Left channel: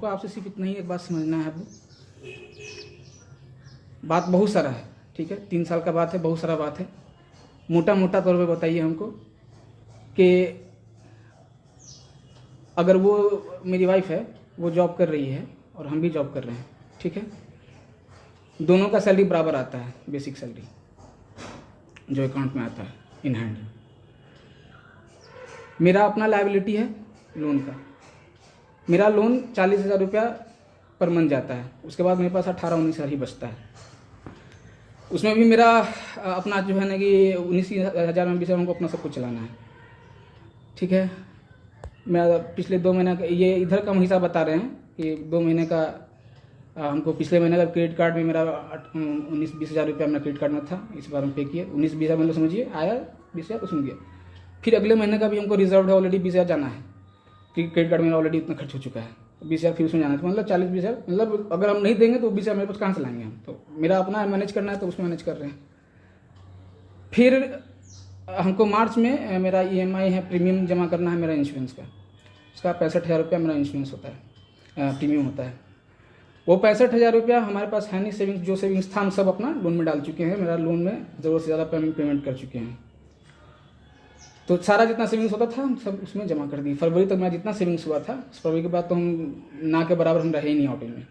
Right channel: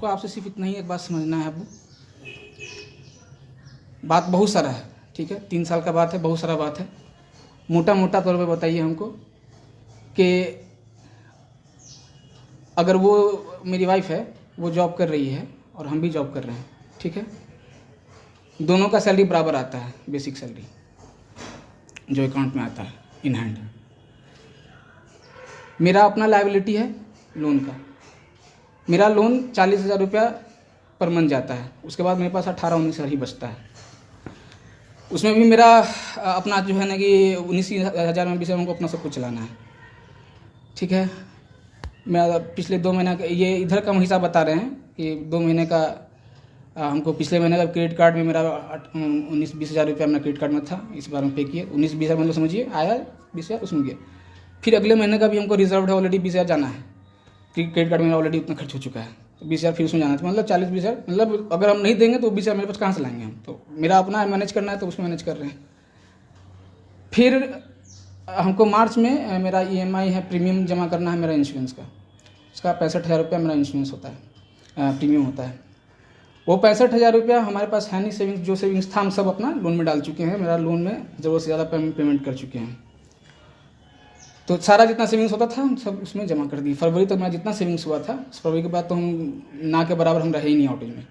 हमको आपसे सिर्फ इतना ही एक बात समझना है। अब बात बहुत सारा है, ठीक है, 3 साल का बात है, बहुत सारा बात है। मोटा मोटा तौर पे बताइए हमको कि अगर वो मेरी वाइफ है, वो जॉब कर रही है और हम भी जॉब कर रहे हैं, ठीक है, दोनों का सैलरी बराबर आता है, बेसिक सैलरी जो अकाउंट में आता है इन हैंड। मेरा अपना लायबिलिटी है लोन का। मेरा लोन 40,000 रुपया पर मंथ जाता है, उसके बाद मेरे पास 18-19 हज़ार ही बचता है। उसमें भी मेरा अपना जो है ना कि 19,000 में भी से हमको अपना सब कुछ चलाना है, ठीक है। मैं पिछले 2 महीने का ये इधर का हम हिसाब बता रहे हैं कि 2 महीने का हमको पिछले महीने का क्रेडिट कार्ड में मेरा 19-20 हज़ार रुपया मेरा क्रेडिट कार्ड में था, इस बार में पे किए 19-20 हज़ार, मतलब समझिए आया 20 हज़ार उसमें गया। फिर अगले महीने का भी हमको रिजर्व है ऑलरेडी 20 हज़ार जाना है, क्रेडिट कार्ड में ऑलरेडी उतना खर्च हो चुका है, तो 20 हज़ार फिर उसमें जाना है, तो मतलब 40-20 हज़ार, मतलब अगर हम नहीं देंगे तो 20 हज़ार मेरे पास कहाँ से लाएंगे हम। तो मेरा अपना मैनेज करना है तो उसमें मैनेज कर रहे हैं। फिर हमको मार्च में मेरा EMI है, प्रीमियम जमा करना है मेरा इंश्योरेंस का, उसका 65,000 रुपया मेरा इंश्योरेंस होता है, प्रीमियम होता है। वो 65,000 रुपया हमारे पास है नहीं, सेविंग्स जो सेविंग्स था हम सब अपना लोन में डाल चुके हैं। मेरा लोन में ज़रूरत से ज़्यादा पेमेंट कर चुके हैं, तो सारा जितना सेविंग्स होता था हम सब उसमें जमा कर दिए। फरवरी तक मेरा जितना सेविंग्स हुआ था, फरवरी के बाद तो हम ना के बराबर हम रहे ही नहीं ऑटो में।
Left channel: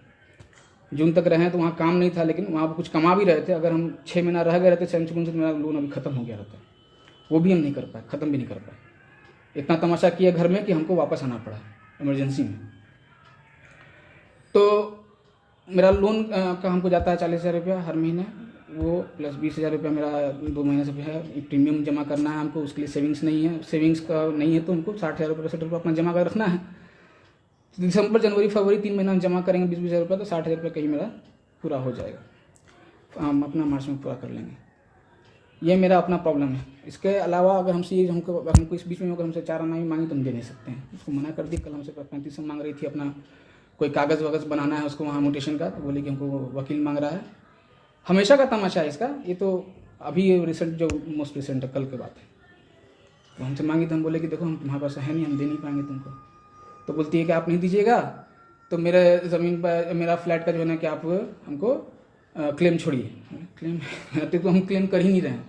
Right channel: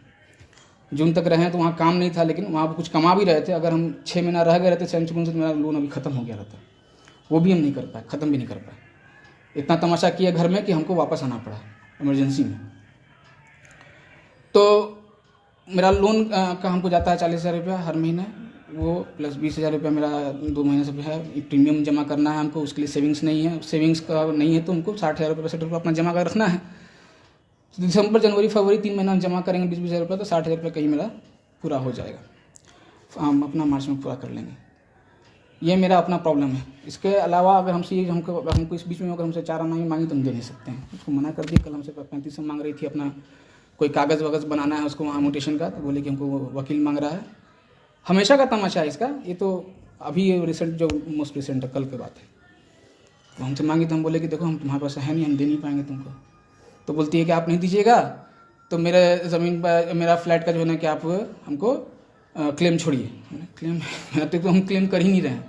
जून तक रहे तो वहाँ काम नहीं था, लेकिन वहाँ पर कुछ कमा भी रहे थे। अगर हम 6 महीना रह गए रहते सैमसंग से, तो मेरा लोन अभी ख़त्म हो गया रहता, वो भी हम नहीं कर पाए, ख़त्म भी नहीं कर पाए। इतना तमाशा किया घर में कि हमको वापस आना पड़ा इमरजेंसी में। तो मेरा लोन का हमको जाता है 40,000 रुपया हर महीने, वो प्लस 20,000 रुपया मेरा 2 महीने से है। प्रीमियम जमा करना है हमको, उसके लिए सेविंग्स नहीं है, सेविंग्स का नहीं है तो हमको 60,000 रुपये 65,000 रुपये अपना जमा कर रखना है। दिसंबर जनवरी फरवरी 3 महीना हम जमा करेंगे 20-20 हज़ार रुपये, तो 60,000 रुपये कहीं मेरा पूरा हो जाएगा, हम अपना मार्च में पूरा कर लेंगे। ये मेरा अपना प्रॉब्लम है। इसके अलावा अगर हमसे ये हमको इस बीच में अगर हमसे 4 आना मांगी तो हम दे नहीं सकते हैं, उसको मना कर दी। कल हमसे 35 मांग रही थी, अपना कोई कागज़ वगज़ बनाना है उसको वहाँ म्यूटेशन का, तो बोले कि हमको वकील मांग रहा है। हमेशा का तमाशा है इसका, ये तो अभी रिसेंट जो मोस्ट रिसेंट है, कल के बात है। तो हमसे मांगी तो हम बोले कि देखो हम तुम्हारे पास है नहीं, हम दे नहीं पाएंगे तुमको। तो बोलती है कि आप नहीं दीजिएगा तो मेरे ज़मीन पर मेरा फ्लैट का जो है ना कि आप हमको क्लेम छोड़िए। क्लेम तो हम क्लेम कर ही नहीं रहे हैं,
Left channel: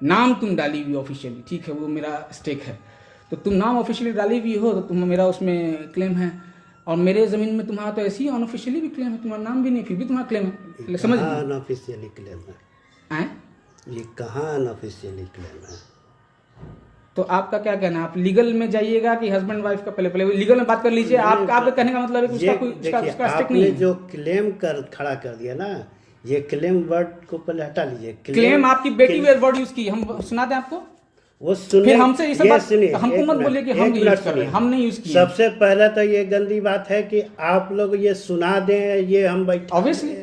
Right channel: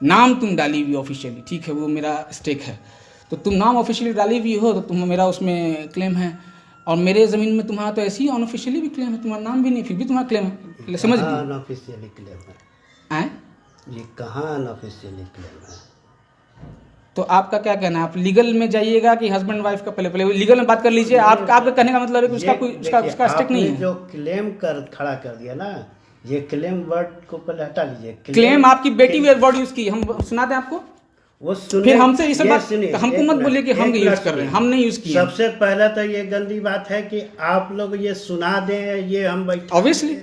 नाम तुम डाली हुई ऑफिशियली, ठीक है, वो मेरा स्टेक है, तो तुम नाम ऑफिशियली डाली हुई हो तो तुम मेरा उसमें क्लेम है, और मेरे ज़मीन में तुम्हारा तो ऐसे ही अनऑफिशियली भी क्लेम है, तुम्हारा नाम भी नहीं, फिर भी तुम्हारा क्लेम है। समझ लीजिए अनऑफिशियली क्लेम है, ये कहाँ अनऑफिशियली क्लेम है। तो आपका क्या कहना है, आप लीगल में जाइएगा कि हस्बैंड वाइफ का पहले लीगल में बात कर लीजिए। आपका कहने का मतलब है कि उसका कोई उसका स्टेक नहीं है। जो क्लेम खड़ा कर दिया ना, ये क्लेम वर्ड को पहले हटा लीजिए। क्लेम आपकी बेटी वर्ड यूज की, हम सुनाते हैं आपको, वो सुनिए, फिर हमसे इसे बात सुनिए, हमको मत बोलिए कि हम यूज कर रहे हैं, हम नहीं यूज किए। सबसे पहले तो ये गंदी बात है कि आप लोग ये सुना दें, ये हम बैठे ऑब्वियसली,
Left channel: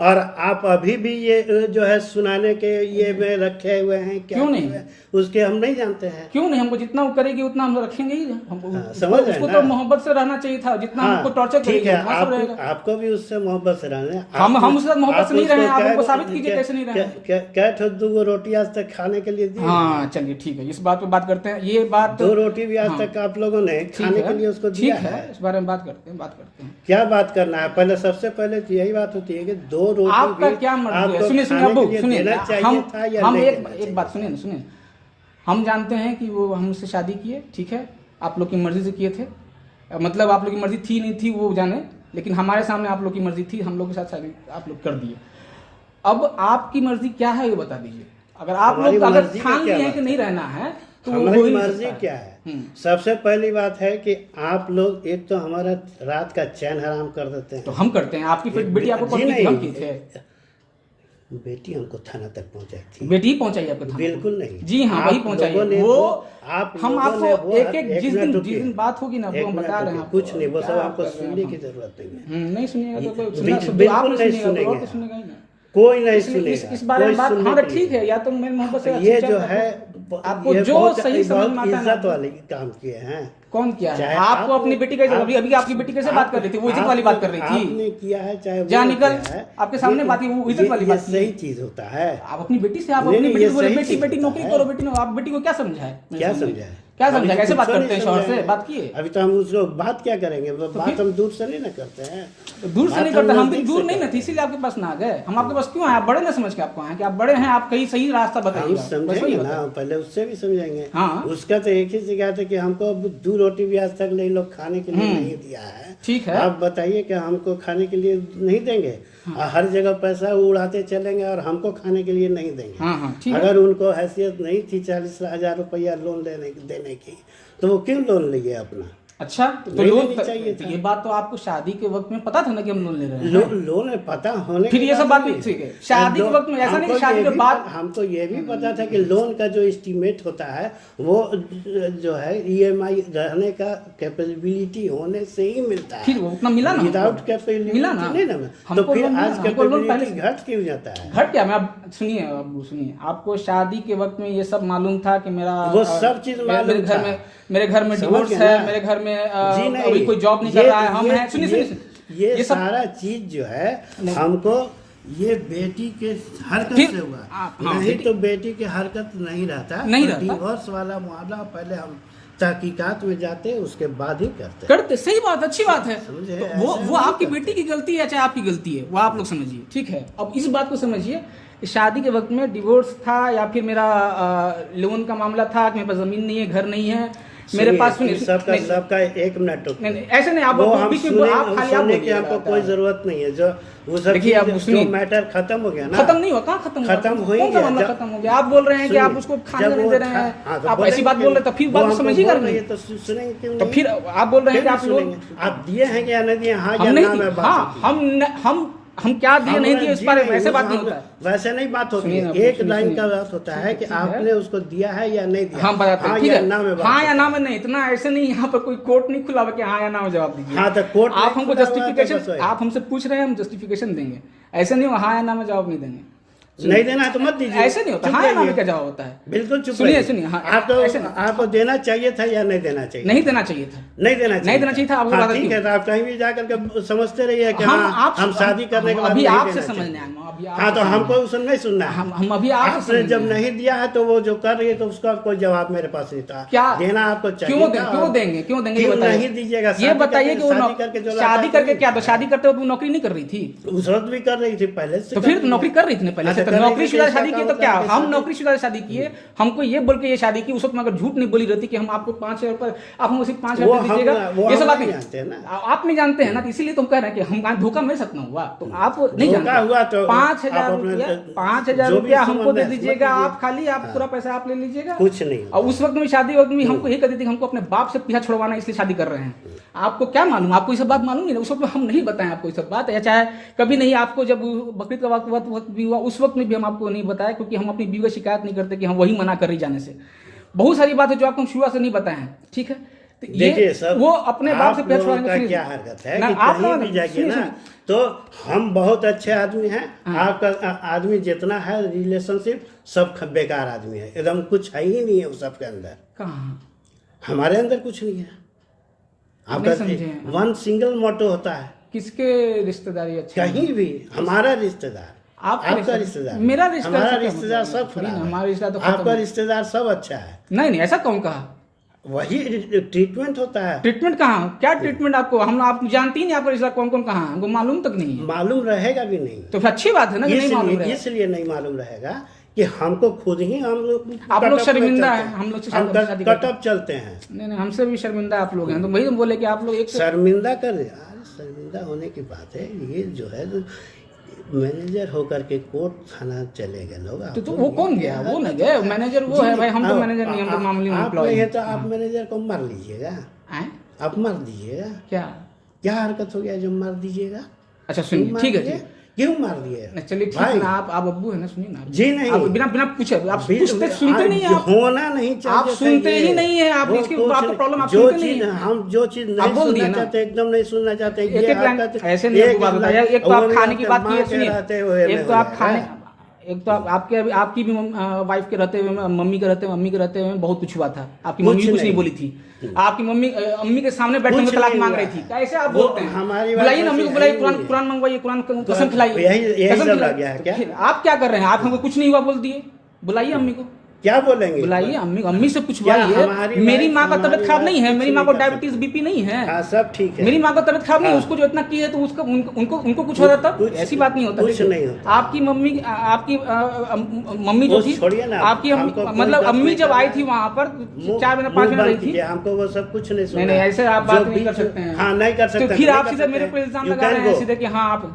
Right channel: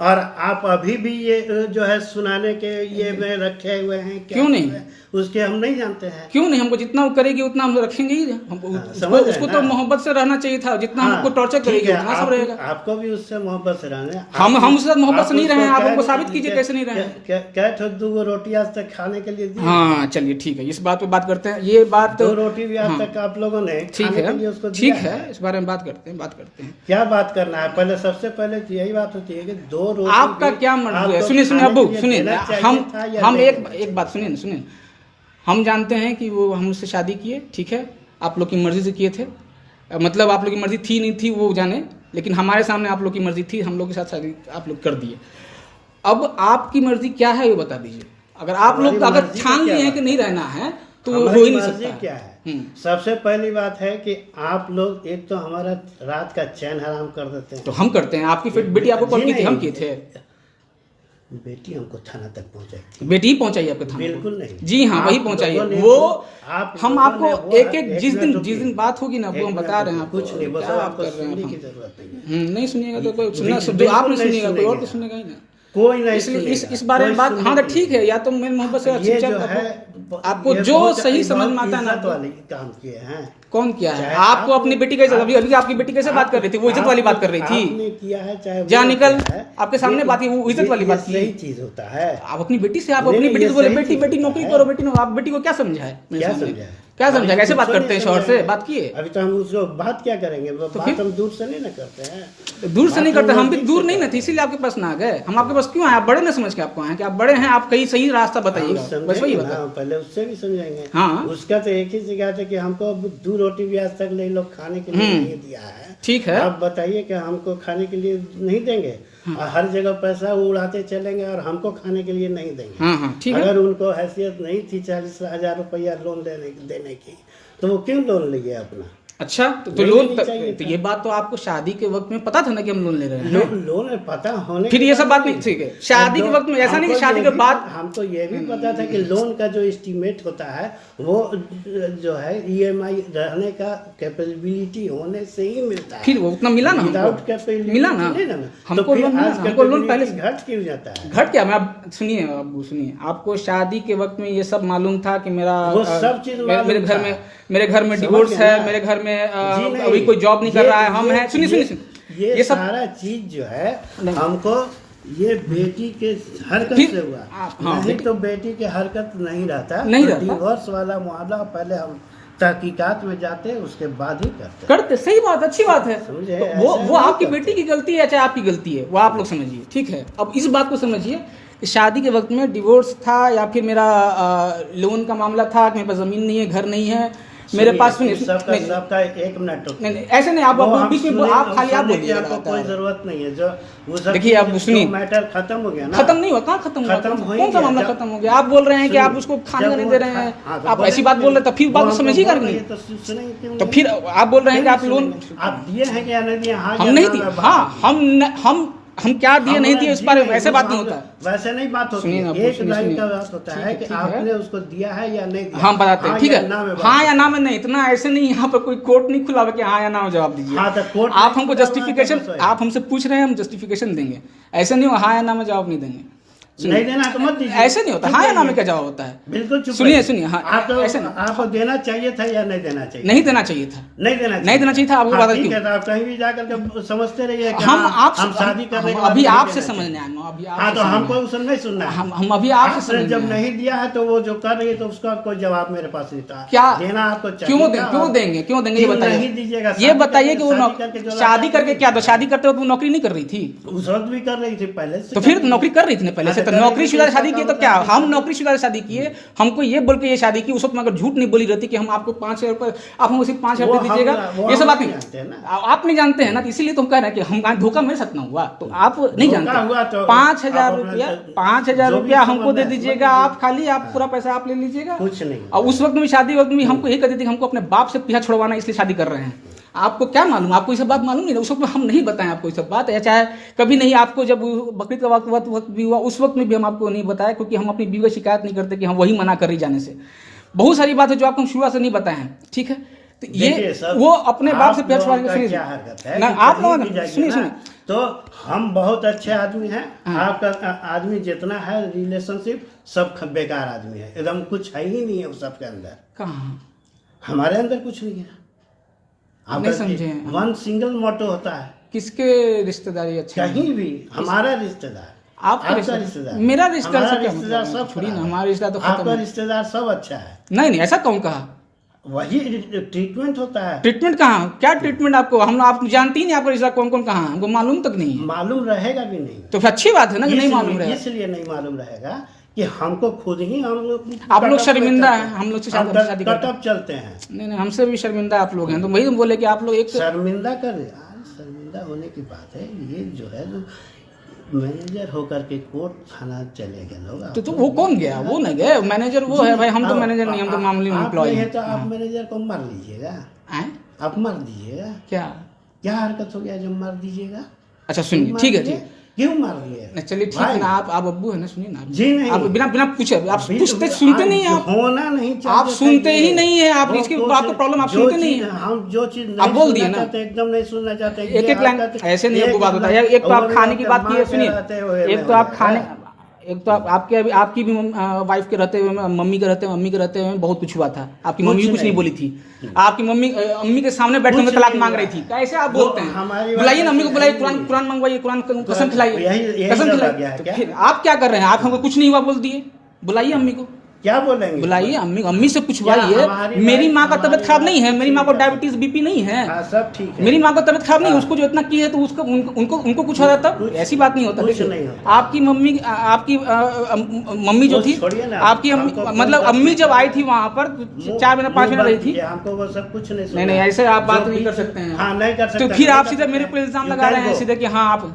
और आप अभी भी ये जो है सुनाने के ये में रखे हुए हैं, क्यों नहीं, उसके हम नहीं जानते हैं। क्यों नहीं, हमको जितना वो करेगी उतना हम रखेंगे ही। उसको तो मोहब्बत से रहना चाहिए था, जितना हमको टॉर्चर करेगी उतना सब रहेगा। आपको भी उससे मोहब्बत से रहना, हम उससे मोहब्बत से नहीं रहे, आप हमको साबित कीजिए कैसे नहीं रहे। क्या 2 रोटी आज तक खाने के लिए दी? हाँ चलिए ठीक है, इस बात पे बात करते हैं। ये बात 2 रोटी भी आज तक आप लोगों ने खाने के लिए उसको ठीक है, इस बारे में बात करते हैं। क्या बात करना है, पहले सबसे पहले यही बात होती है कि 2 रोटी आपका क्या मर्जी है। सुनिए अब्बू सुनिए, हम एक बात सुनिए, हम जानते हैं कि वो हम उससे शादी किए, ठीक है, आप लोग की मर्जी से किए थे, मतलब आप लोग की मर्जी थी नहीं थी वो जाने, लेकिन हमारे सामने आप लोग की मर्जी थी, हम लोग के साथ शादी आप लोग कर दिए। अब आपकी मर्जी क्या है ये बता दीजिए। अगर आप लोग अगर ठान लिए हैं कि नहीं रहना है तो हो ही नहीं सकता। क्या है, सबसे पहली बात है कि आप लोग एक तो हमारा रात का चैन हराम कर देते हैं। तो हम करते हैं, आपकी फिर बेटी आपको कौन की थी, हम किए थे। बेटी हमको थाना तक पहुंचाई, बेटी ही पहुंचाई आपके थाना? बिल्कुल नहीं, जी हाँ वही पहुंचाई। वो हम आपको एक जिस दिन बात होगी ना वो हम बता रहे हैं, कुछ नहीं, वो सब आपको सुनने की जरूरत नहीं सुनिएगा तो कोई सुनना, आप नहीं सुनिएगा तो और तो सुनेगा ही ना, कोई नहीं सुनेगा। इस बारे में बात हाँ ठीक है, या तो मेरी मोहब्बत से ये जो है आपको जो सही समझ में आता है ना वाले काम किए हैं। कौन किया है? आपको अपनी बेटी कैसे, अभी आपकी बेटी कैसे बात कर रही थी, वो इज्जत वाली बात कर रही थी। आपने किया है, चाहे जहाँ निकल आपके सामने बात की, वो इज्जत वाली बात की। सही चीज होता है। आप अपनी बेटी से, आप अपनी बेटी से बोले बेटी नौकरी करो, बेटी आप बेटी को क्या समझा है? क्या समझा है? क्या समझा, कैसे बात कुछ करते हैं नहीं शौहर से, समझाएंगे। बात किए? अभी तो हम उसको बात क्या करेंगे, वो बात हम दूर से नहीं ना करते हैं। दूर से नहीं बात करते, हम भी नजदीक दूर से नहीं ना करते थे, इसीलिए आपके पास ना आ गए। हम आपके पास क्यों आए? आप बड़े ना समझ के आपको आए कि आप बड़े हैं, आप कहीं सही रास्ता हम बताइएगा, बस वही समझेंगे बता। ना, पहले उससे भी समझेंगे। हाँ। उसका तो एक ही शिकायत है कि हमको अब 2 रोटी भी आज तक नहीं लोग खाने के लिए नहीं दिया है। ठीक है। आप बताइए कि हमको खाने के लिए नहीं देंगे, और हर जगह पैसा उड़ाते चलेंगे और हमको खाने के लिए नहीं देंगे। हाँ ठीक है। अगर उनको हैसियत नहीं थी 40,000 रुपया लोन देने की, तो वो क्यों लोन लिए अपना? अच्छा तो नहीं लोन लेनी चाहिए तो था। ये बात तो आपको शादी के वक्त में पता था ना कि हम लोन ले रहे हैं। लोन में पता होने फिर के ये सब बाद बात नहीं, ठीक है, शादी के वक्त में ऐसा नहीं कि हमको शादी ये के भी- बाद। हमको ये भी पता था कि लोन का जो एस्टीमेट होता है वो जो है ईएमआई रहने का कैपेबिलिटी होने से ही मिलता है। फिर वो उतना मिला ना हमको? विदाउट कैपेबिलिटी मिला ना नहीं ना। तो हमको फिर लोन मिला आज ना, हमको लोन पहले कैपेबिलिटी घट क्यों जाता है? घट गया। मैं अब सुनिए, अब सुनिए, आपको शादी के वक्त में ये सब मालूम था कि मेरा वो सब चीज मालूम था। मेरे घर में समझ डिवोर्स गए है, ना? मेरे घर में जी नहीं, अभी कोई जॉब नहीं कर रहा है, हम हैं, सुनिए सुनिए ये सब सारा चीज जो है हमको ये बेटी के हरकत फिर से हुआ। हाँ, नहीं बेटी- तो बेटी के हरकत नहीं रहता, नहीं तो रहता। डिवोर्स वाला मामला पहले हम तहकीकात में जाते, उसके बाद ही करते। करते, सही बात, अच्छी बात है। समझे? तो ऐसा वो नहीं आपकी करते। बेटी की गलती है चाहे आपकी गलती है, वो आप लोग समझिए, ठीक है। अब इस बात को समझिए कि शादी के वक्त में डिवोर्स था या फिर मेरा लोन का मामला था कि मेरे पास जमीन नहीं है, घर नहीं है मेरे पास। सुनिए सबका 1 मिनट रुकिए। नहीं, ऐसे नहीं, आप वो अपने हम बीच में सुने- आप खाली आप सुनने की बोलिए, हमको कोई जरूरत नहीं है। जो वो सब देखिए, आप चीज़- सुनिए। जो मैटर खत्म हो गया ना, खत्म नहीं हुआ, कहाँ खत्म हुआ? खत्म हो ही कौन सा गया। मामला जब- खत्म हो गया? आप बोल रहे हैं कि आप सुनिए, उसको खाने जब नहीं वो दे रहे हाँ, हैं, तो आप ऐसी बोलेंगे, बात बोल रहे हैं, तो फिर वो बात को हमको समझिएगा बोल कि रही नहीं। है, तो सुनेंगे क्यों तो नहीं? फिर आप बोल रहे हैं कि आप लोन सुनेंगे। आप दिए हैं या नहीं दिए? हाँ हम या नहीं ना दिए, में बात हाँ होगी। हम क्या दिए हम नहीं बोले दिए इस जी बारे में नहीं, ऐसे बात हम- नहीं होता है। वैसे नहीं बात होती सुनिए ना, है। एक सुनिए, लाइन सुनिए। का बात होता है कि ठीक है। आपने उसको दिया है या नहीं दिया। हाँ बताते हैं, हाँ ठीक या है, ना में बात हाँ या होती ना में नहीं, इतना ऐसे नहीं, यहाँ पर कोई कोर्ट नहीं खुला हुआ कि हाँ या ना में जवाब दीजिए। हाँ, तो कोर्ट आप नहीं हमको खुला हुआ है, तो जस्टिफिकेशन, बस वही। आप हमसे पूछ रहे हैं, हम जस्टिफिकेशन देंगे। ऐसे नहीं हो हाँ या ना में जवाब नहीं देंगे। नहीं देना तो मत दीजिए। ऐसे नहीं होता, चुप हाँ या ना रहिए। में क्या जवाब होता है? बिल्कुल चुप सुनिए, रहिए। सुनिए, हाँ, आपको ऐसे नहीं। आपको देना चाहिए था या नहीं देना चाहिए? नहीं देना चाहिए था, नहीं देना चाहिए। नहीं देना चाहिए था। आपको हाँ, बता ठीक क्यों? है, तो आप कहीं भी जाकर के समझते रहिए कि हम हाँ, आपसे हम शादी करने के हम बाद अभी नहीं आपसे देना समझने चाहिए। आए हैं, अभी हाँ, आपसे तो हमको समझने उसे नहीं सुनना है। हम अभी आपसे आपने समझने जब आए हैं। नहीं दिया है तो वो जो कर रही है तो उसका कोई जवाब मेरे पास नहीं था। क्या देना आपको चाहिए क्यों था। क्यों देंगे, क्यों देंगे ये क्यों बताइए। नहीं दीजिएगा? ये शादी बताइए कि वो शादी करके जो शादी लाता करके है, क्या था? शादी करते वक्त वो नौकरी नहीं कर रही थी? उस वक्त भी कर रही थी पहले से। तो फिर तो नौकरी कर रही थी ना पहले से। तो कर रही नौकरी थी, शुदा इसका शादी की तो मतलब क्या, है कि हम शादी- नौकरी शुदा शादी किए, हमको ये बोल के ये शादी की। उस वक्त में अगर झूठ नहीं बोली रहती कि हम आपको 5,000 रुपये, आप हमको सिर्फ 5,000 वो दे दीजिएगा, वो ये सब हम बात नहीं नहीं जानते हैं ना। आप नहीं जानते हैं ना, तो इसीलिए तो हम कह रहे हैं कि हम धोखा मेरे साथ ना हुआ, तो आप नहीं धोखा जानते। हुआ तो 5,000 आप अपना रुपया, जो 5,000 भी रुपया हमको समझ दे में दीजिएगा, समझ आप खाली आप पूरा पैसा आप ले लीजिएगा। कुछ नहीं। और उस वक्त में शादी वक्त में हमको यही कहती थी कि हमको अपने बाप से पीछा छुड़वाना, इसलिए शादी कर रहे हैं। आपको क्या मालूम, आपको ये सब बात मालूम नहीं ना। उस वक्त में हम नहीं बताएं आपको ये सब बात, या चाहे कभी नहीं आपको जब बकरीद का वक्त भी हुआ उस वक्त में भी हम आपको नहीं बताया, क्योंकि हम अपनी बीवी का शिकायत नहीं करते कि हम वही मना कर रही जाने से। बहुत सारी बात है जो आपको हम शुरुआत से नहीं बताए हैं, ठीक है। तो देखिए ये सर, वो अपने बाप से आप पीछा लोगों छुड़वाने का के क्या हरकत है ना, कि आप कहीं लोगों भी ने जाइए सुनिए ना, तो हम बहुत अच्छे आदमी हैं। आपका आदमी जितना है रिलेशनशिप सब बेकार आदमी है, एकदम कुछ है ही नहीं है उस सबके अंदर। कहाँ हमारे अंदर कुछ नहीं है। नहीं समझे। आपका वन सिंगल मोटो होता है, किसके रिश्तेदारी अच्छे हैं? कहीं भी हमारा रिश्तेदार, आपका रिश्तेदार, मेरा रिश्तेदार हमारा से क्या रिश्तेदार मतलब? सब थोड़ी ना, खराब है। हमारा रिश्ता तो खत्म आपका है। रिश्तेदार सब अच्छा है। नहीं ऐसा कौन कहा? वही ट्रीटमेंट होता है। ट्रीटमेंट कहाँ, क्या ट्रीटमेंट आपको? हम आप जानती ही नहीं आपका रिश्ता कौन कौन कहाँ है, हमको मालूम तक नहीं है। मालूम रहेगा भी नहीं। तो फिर अच्छी बात है ना कि नहीं मालूम रहेगा। इसलिए नहीं मालूम रहेगा कि हमको खुद ही हम लोग आप लोग कटअप शर्मिंदा में हैं, चलते हम लोग से हम शादी करते कटअप चलते हैं। नहीं हमसे भी शर्मिंदा आप लोग हैं, तो वही तो बोले कि आप लोग एक शर्मिंदा कर यार, शर्मिंदा होने की बात है। ये जो है मैनेजर होकर के कोर्ट थाना चले गए लोग। तो वो कौन गया? वो नहीं गए, मैनेजर वो है भाई, हम तो मैनेजर नहीं, हम तो मामूली आप एम्प्लॉय नहीं है हैं। तो आप मैनेजर को मार लीजिएगा। आए? आप मार दीजिएगा। क्या क्या हरकत हो गया जो मार दीजिएगा? अच्छा सुनिए, मार ठीक है, दिए? ठीक क्यों मार दिए? नहीं चलिए ठीक है ना, आप अब्बू है ना, सुनिए ना। जी नहीं। आप बिना बिना पूछे आप अभी पूछते सुनते नहीं हैं आप। होना नहीं चाहिए आप था सुनते ये। ही नहीं है, आप वो इसकी कुछ आपका प्रॉब्लम, आप जो सुनते नहीं चीज हैं। हम जो चीज आप नहीं बोल दिए सुनना ना। चाहते, एकदम नहीं सुनना चाहते। एक एक लाइन ऐसे नहीं आपको बात बताया। एक तो आप खाने की बात की है, सुनिए, एक तो आप खाने, एक तो आपकी भी वाइफ के रहते हुए, मम्मी के रहते हुए, मम्मी के रहते हुए बहुत कुछ हुआ था। आपकी मम्मी भी कुछ नहीं बोली थी। आपकी मम्मी के सामने बैठने में तलाक मांग रही थी। कैसे आप बोलते हैं? बुलाइए ना मम्मी को, बुलाइए, कुरान मंगवाइए, कुरान कसम खिलाइए, यही कसम सब लग गया है खिलाइए। क्या? फिर आप क्या कर रहे हैं? आप हमको कुछ नहीं हुआ बोल दिए, बुलाइए मम्मी को। क्या बोलेंगे? बुलाइए अम्मी से पूछवाइए। हमारी मेरी लाइफ- माँ का तबियत हमारी खराब नहीं है, लाइफ मेरी माँ को कुछ नहीं कर डायबिटीज बीपी नहीं है। हाँ सब ठीक है। मेरी माँ को तबियत खराब नहीं है, हाँ। उसको जो इतना की है तो उसको उनको कुछ हो जाता, कुछ- ऐसी बात नहीं होता। कुछ देखिए, नहीं होता। आपकी मम्मी आपकी मम्मी जो वो थी, छोड़िए ना, आपकी हमको कोई मतलब बात अम्मी नहीं जब आई करना थी है। वहाँ पर मुंह- 4 महीने 5 मुंह महीने रही बंद थी। कीजिए, हमको वो सब कुछ नहीं नहीं ऐसे आप बात जो नहीं कर बीच- सकते हैं। हाँ नहीं कर सकते। तो फिर नहीं आप कर सीधे सकते मेरे हैं। पे इल्जाम You लगा can रहे हैं go। सीधे कि हाँ आप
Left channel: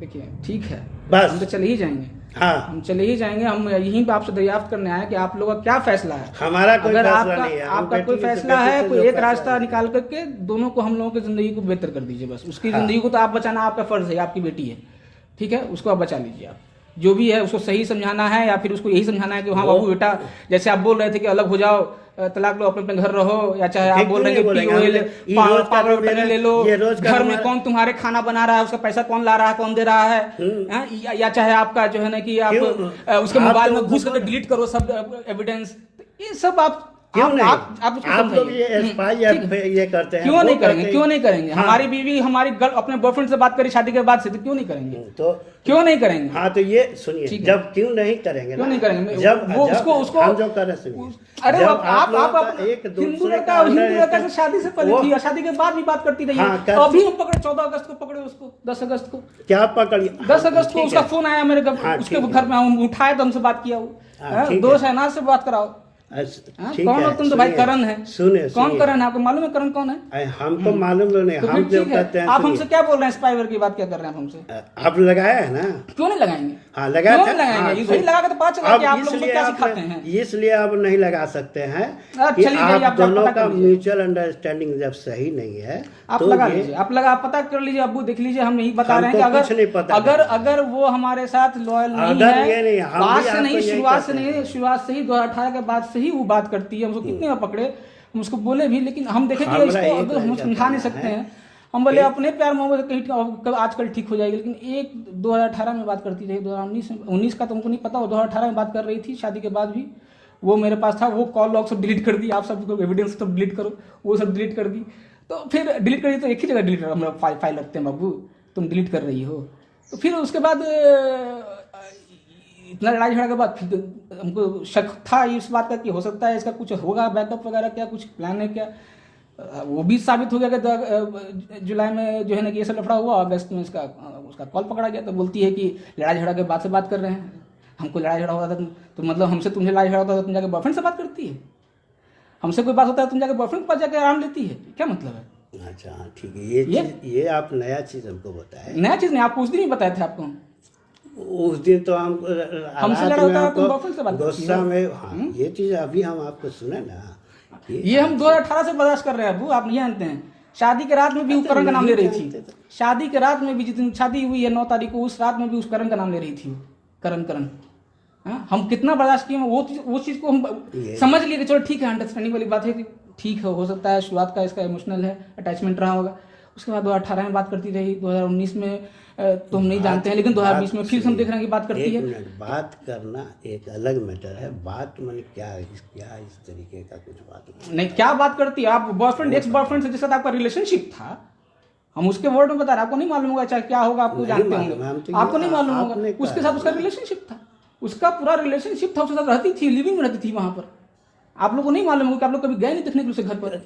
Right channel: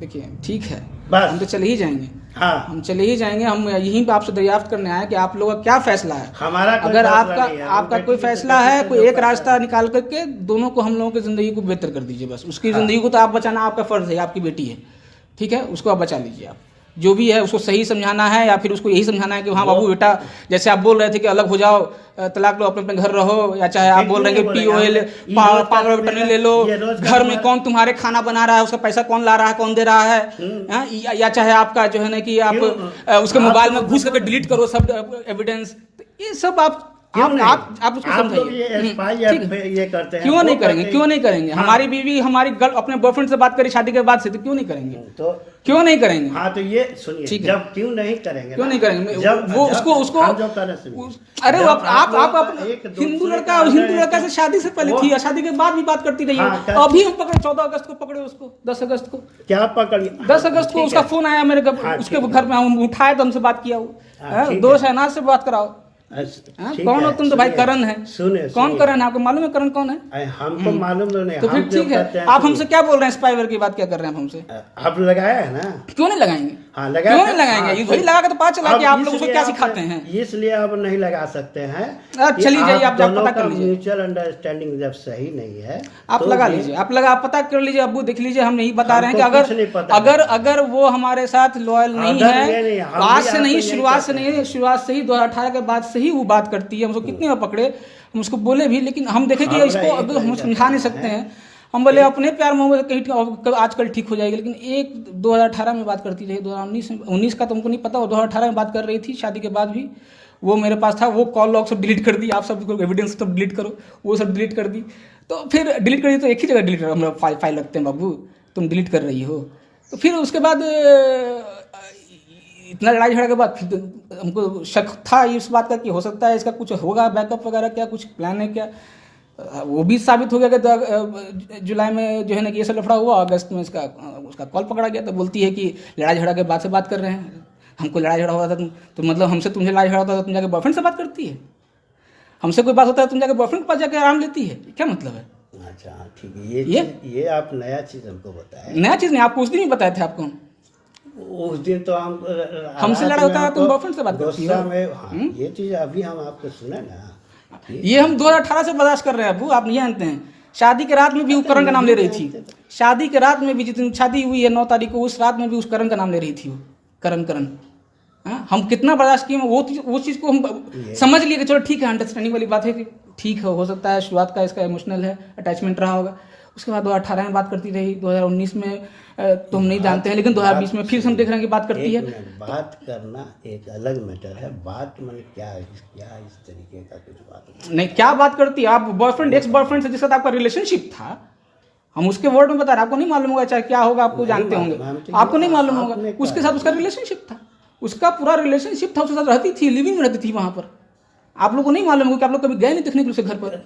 देखिए ठीक है, बस। हम तो चले ही जाएंगे, हाँ हम चले ही जाएंगे। हम यहीं पे आपसे दरियाफ्त करने आए कि आप लोगों का क्या फैसला है। हमारा कोई अगर फैसला आपका नहीं है। हम आपका बेटी कोई से फैसला बेटी है, से कोई जो एक फैसला रास्ता है। निकाल करके दोनों को, हम लोगों की ज़िंदगी को बेहतर कर दीजिए बस। उसकी ज़िंदगी को तो आप बचाना आपका फ़र्ज़ है, आपकी बेटी है, ठीक है, उसको आप बचा लीजिए। आप जो भी है उसको सही समझाना है, या फिर उसको यही समझाना है कि हाँ बाबू बेटा, जैसे आप बोल रहे थे कि अलग हो जाओ, तलाक लो, अपने अपने घर रहो, या चाहे आप बोल रहे हैं कि पावर ऑफ अटर्नी ले लो, घर में कौन तुम्हारे खाना बना रहा है, उसका पैसा कौन ला रहा है, कौन दे रहा है, या चाहे आपका जो है ना कि आप उसके मोबाइल में घुस करके डिलीट करो सब एविडेंस। ये सब आप उसको समझाइए। ये करते हैं। क्यों नहीं करेंगे, क्यों नहीं करेंगे? हाँ। हमारी बीवी हमारी अपने बॉयफ्रेंड से बात करी शादी के बाद से, तो क्यों नहीं करेंगे? तो क्यों नहीं करेंगे? हाँ तो ये सुनिए, ठीक है। जब क्यों नहीं करेंगे, क्यों नहीं करेंगे? जब वो जब उसको हम जो करें सुनिए, अरे जब आप एक दूसरे हिंदू का लड़का से शादी से पहले वो- थी, या शादी के बाद भी बात करती रही हाँ, है। अभी पकड़ो, 14 अगस्त को पकड़े उसको, 10 अगस्त को, क्या पकड़िए 10 अगस्त को ठीक उसका है। फोन आया मेरे घर, हाँ, उसके ठीक है। घर में हम उठाए तो हमसे बात किया वो। हाँ, ठीक दोस्त है। है ना, से बात कराओ। ठीक कौन हो है, तुम? तो भाई सुनिए, करण है। सुनिए कौन सुनिए। करण है? आपको मालूम है करण कौन है? हमको मालूम नहीं, तो हम फिर जो ठीक है, कहते हैं आप सुनिए। हमसे क्या बोल रहे हैं? स्पाईवेयर की बात क्या कर रहे हैं आप हमसे? आप लगाया है ना? क्यों नहीं लगाएंगे? हाँ लगाया क्यों था। नहीं लगाएंगे? हाँ, ये वही लगा के तो पता चला अब कि आप लोग उसको इसलिए क्या आप- सिखाते हैं। इसलिए आप नहीं लगा सकते हैं आप कि चलिए जाइए, आप दोनों पता का कर लीजिए। म्यूचुअल अंडरस्टैंडिंग जब सही नहीं है आप तो लगा ये- लीजिए, आप पता कर लीजिए, अब्बू देख लीजिए। हम यही बता रहे हैं कि हमको कुछ नहीं पता अगर वो हमारे साथ लॉयल नहीं अगर ये है, नहीं, हम आज भी से आपको नहीं, यही शुरुआत से कहते नहीं, हैं। शुरुआत से ही 2018 के बाद से ही वो बात करती है। हम उसको कितने में पकड़े, हम उसको बोले भी, लेकिन हम देखे कि हमरा इसको एक अगर हम बात समझा नहीं कहना सकते है। हैं। हम बोले अपने प्यार मोहब्बत कहीं आजकल ठीक हो जाएगी, लेकिन एक 2018 में बात करती रही, 2019 का तुमको नहीं पता, वो 2018 में बात कर रही थी शादी के बाद भी। वो मेरे पास था, वो कॉल लॉग सब डिलीट कर दी, आप सब एविडेंस सब डिलीट करो, वो सब डिलीट कर दी। तो फिर डिलीट कर दी तो एक ही जगह डिलीट कर, हम फाइल रखते हैं बाबू, तुम डिलीट कर रही हो। तो फिर उसके बाद इतना लड़ाई झगड़ा के बाद फिर हमको शक था इस बात का कि हो सकता है इसका कुछ होगा बैकअप वगैरह, क्या कुछ प्लान है क्या। वो भी साबित हो गया कि जुलाई में जो है ना कि ये सब लफड़ा हुआ, अगस्त में उसका कॉल पकड़ा गया। तो बोलती है कि लड़ाई झगड़ा के बाद से बात कर रहे हैं, हमको लड़ाई झगड़ा हुआ था तो मतलब हमसे तुमसे लड़ाई झगड़ा होता तो तुम जाके बॉयफ्रेंड से बात करती है, हमसे कोई बात होता है तुम जाके बॉयफ्रेंड के पास जाके आराम लेती है, क्या मतलब है? अच्छा ठीक है, ये आप नया चीज हमको बताया। नया चीज़ नहीं, आपको उस दिन ही बताए थे आपको। उस दिन तो हम हमसे लड़ा होता है तुम बॉयफ्रेंड से बात करती गुस्सा हो। में हाँ, ये चीज अभी हम आपको सुने ना, ये हम 2018 से बर्दाश्त कर रहे हैं अबू, आप नहीं जानते हैं। शादी के रात में भी वो करण का नाम ले रही थी, शादी के रात में भी, जिस दिन शादी हुई है 9 तारीख को, उस रात में भी उस करण का नाम ले रही थी वो, करण। हाँ, हम कितना बर्दाश्त किए, वो चीज़ को हम समझ लिए कि चलो ठीक है, अंडरस्टैंडिंग वाली बात है कि ठीक है, हो सकता है शुरुआत का इसका इमोशनल है, अटैचमेंट रहा होगा। उसके बाद 2018 में बात करती रही, 2019 में तो हम नहीं जानते हैं, लेकिन 2020 में फिर हम देख रहे हैं कि बात करती है। बात करना एक अलग मैटर है, बात मैंने क्या इस तरीके का कुछ बात नहीं, क्या बात करती है आप? बॉयफ्रेंड एक्स बॉयफ्रेंड से जिसके साथ आपका रिलेशनशिप था, हम उसके वर्ड में बता रहे हैं, आपको नहीं मालूम होगा, चाहे क्या होगा आपको जानते होंगे, आपको नहीं मालूम होगा। उसके साथ उसका रिलेशनशिप था, उसका पूरा रिलेशनशिप था, उसके साथ रहती थी, लिविंग में रहती थी वहाँ पर। आप लोगों को नहीं मालूम होगा कि आप लोग कभी गए नहीं देखने दूसरे घर पर।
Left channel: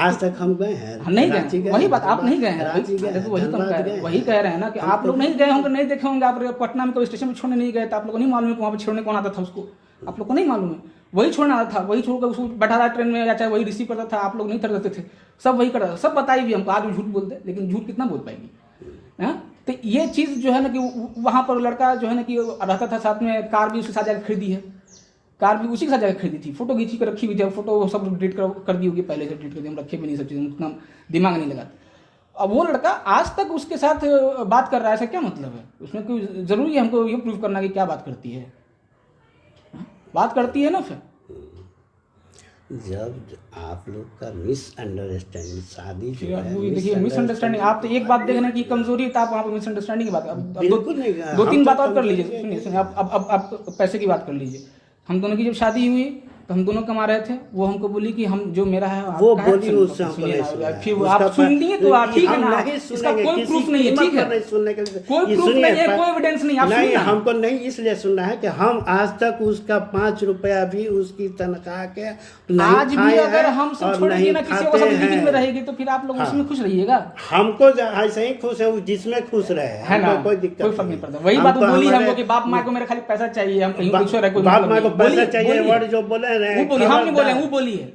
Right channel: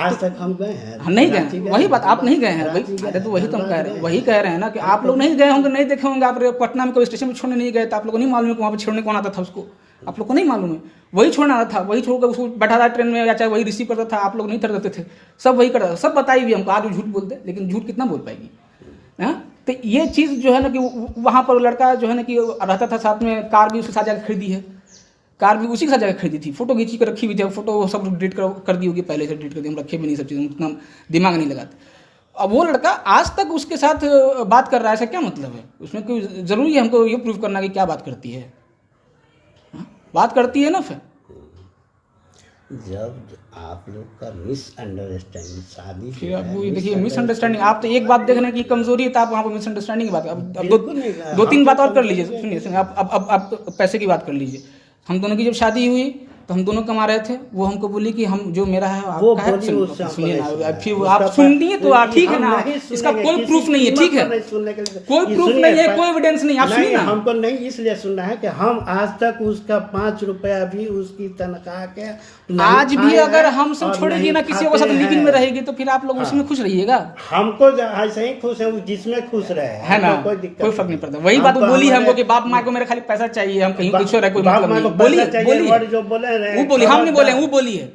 आज तक हम गए हैं, हम नहीं गए, वही बात, आप नहीं गए हैं। अरे तो वही तो हम कह रहे हैं, वही कह रहे हैं ना कि आप लोग नहीं गए होंगे, नहीं देखे होंगे। आप पटना में कभी स्टेशन में छोड़ने नहीं गए, तो आप लोगों को नहीं मालूम है कि वहाँ पर छोड़ने कौन आता था उसको, आप लोग को नहीं मालूम है। वही छोड़ना आता था, वही छोड़कर उसको बैठा था ट्रेन में, या चाहे वही रिसीव करता था, आप लोग नहीं करते थे, सब वही करता था। सब बताई भी हमको, आज वो झूठ बोलते, लेकिन झूठ कितना बोल पाएगी। हाँ, तो ये चीज़ जो है ना कि वहाँ पर लड़का जो है ना कि रहता था साथ में, कार भी उसके साथ जाकर खरीदी है, कार भी उसी के साथ जाकर खरीदी थी, फोटो खींची कर रखी हुई थी। फोटो वो सब डिलीट कर दी होगी, पहले से डिलीट कर दी, हम रखे भी नहीं सब चीज़ें, उतना दिमाग नहीं लगाते। अब वो लड़का आज तक उसके साथ बात कर रहा है, ऐसा क्या मतलब है? उसमें कोई ज़रूरी है हमको ये प्रूव करना कि क्या बात करती है? बात करती है ना। फिर जब आप लोग का मिसअंडरस्टैंडिंग शादी फिर अब वो ये देखिए मिसअंडरस्टैंडिंग, आप तो एक बात देखना कि कमजोरी है, तो आप वहाँ पर मिसअंडरस्टैंडिंग की बात, अब 2-3 बात और कर लीजिए। सुनिए, आप पैसे की बात कर लीजिए। हम दोनों की जब शादी हुई तो हम दोनों कमा रहे थे, वो हमको बोली कि हम जो मेरा है वो आपका है, बोली उससे हमको सुनिए नहीं ना, सुना। फिर उसका आप पर- सुन लिए तो आप ठीक है हम ना, नहीं इसका सुनेंगे, कोई किसी प्रूफ नहीं है, कीमत ठीक है, पर नहीं सुनने के लिए। कोई ये प्रूफ सुनिए, नहीं है, कोई एविडेंस नहीं, आप नहीं, सुनिए ना। हमको नहीं इसलिए सुनना है कि हम आज तक उसका 5 रुपया भी उसकी तनख्वाह के नहीं आज भी खाए अगर हैं हम सब और छोड़ेंगे नहीं ना, किसी खाते को साथ लिविंग में हैं। रहेगी तो फिर आप लोग उसमें खुश रहिएगा, हमको ऐसे ही खुश है, जिसमें खुश रहे, है ना, हमको कोई दिक्कत कोई फर्क नहीं पड़ता। वही बात वो बोली हमको कि बाप मार को मेरे खाली पैसा चाहिए, हम कहीं कुछ कोई बाप मतलब माँ को नहीं। बोलिए, पैसा चाहिए, बोलिए, वर्ड जो बोले रहे, वो बोली, हम नहीं बोले, खबरदार। वो बोलिए,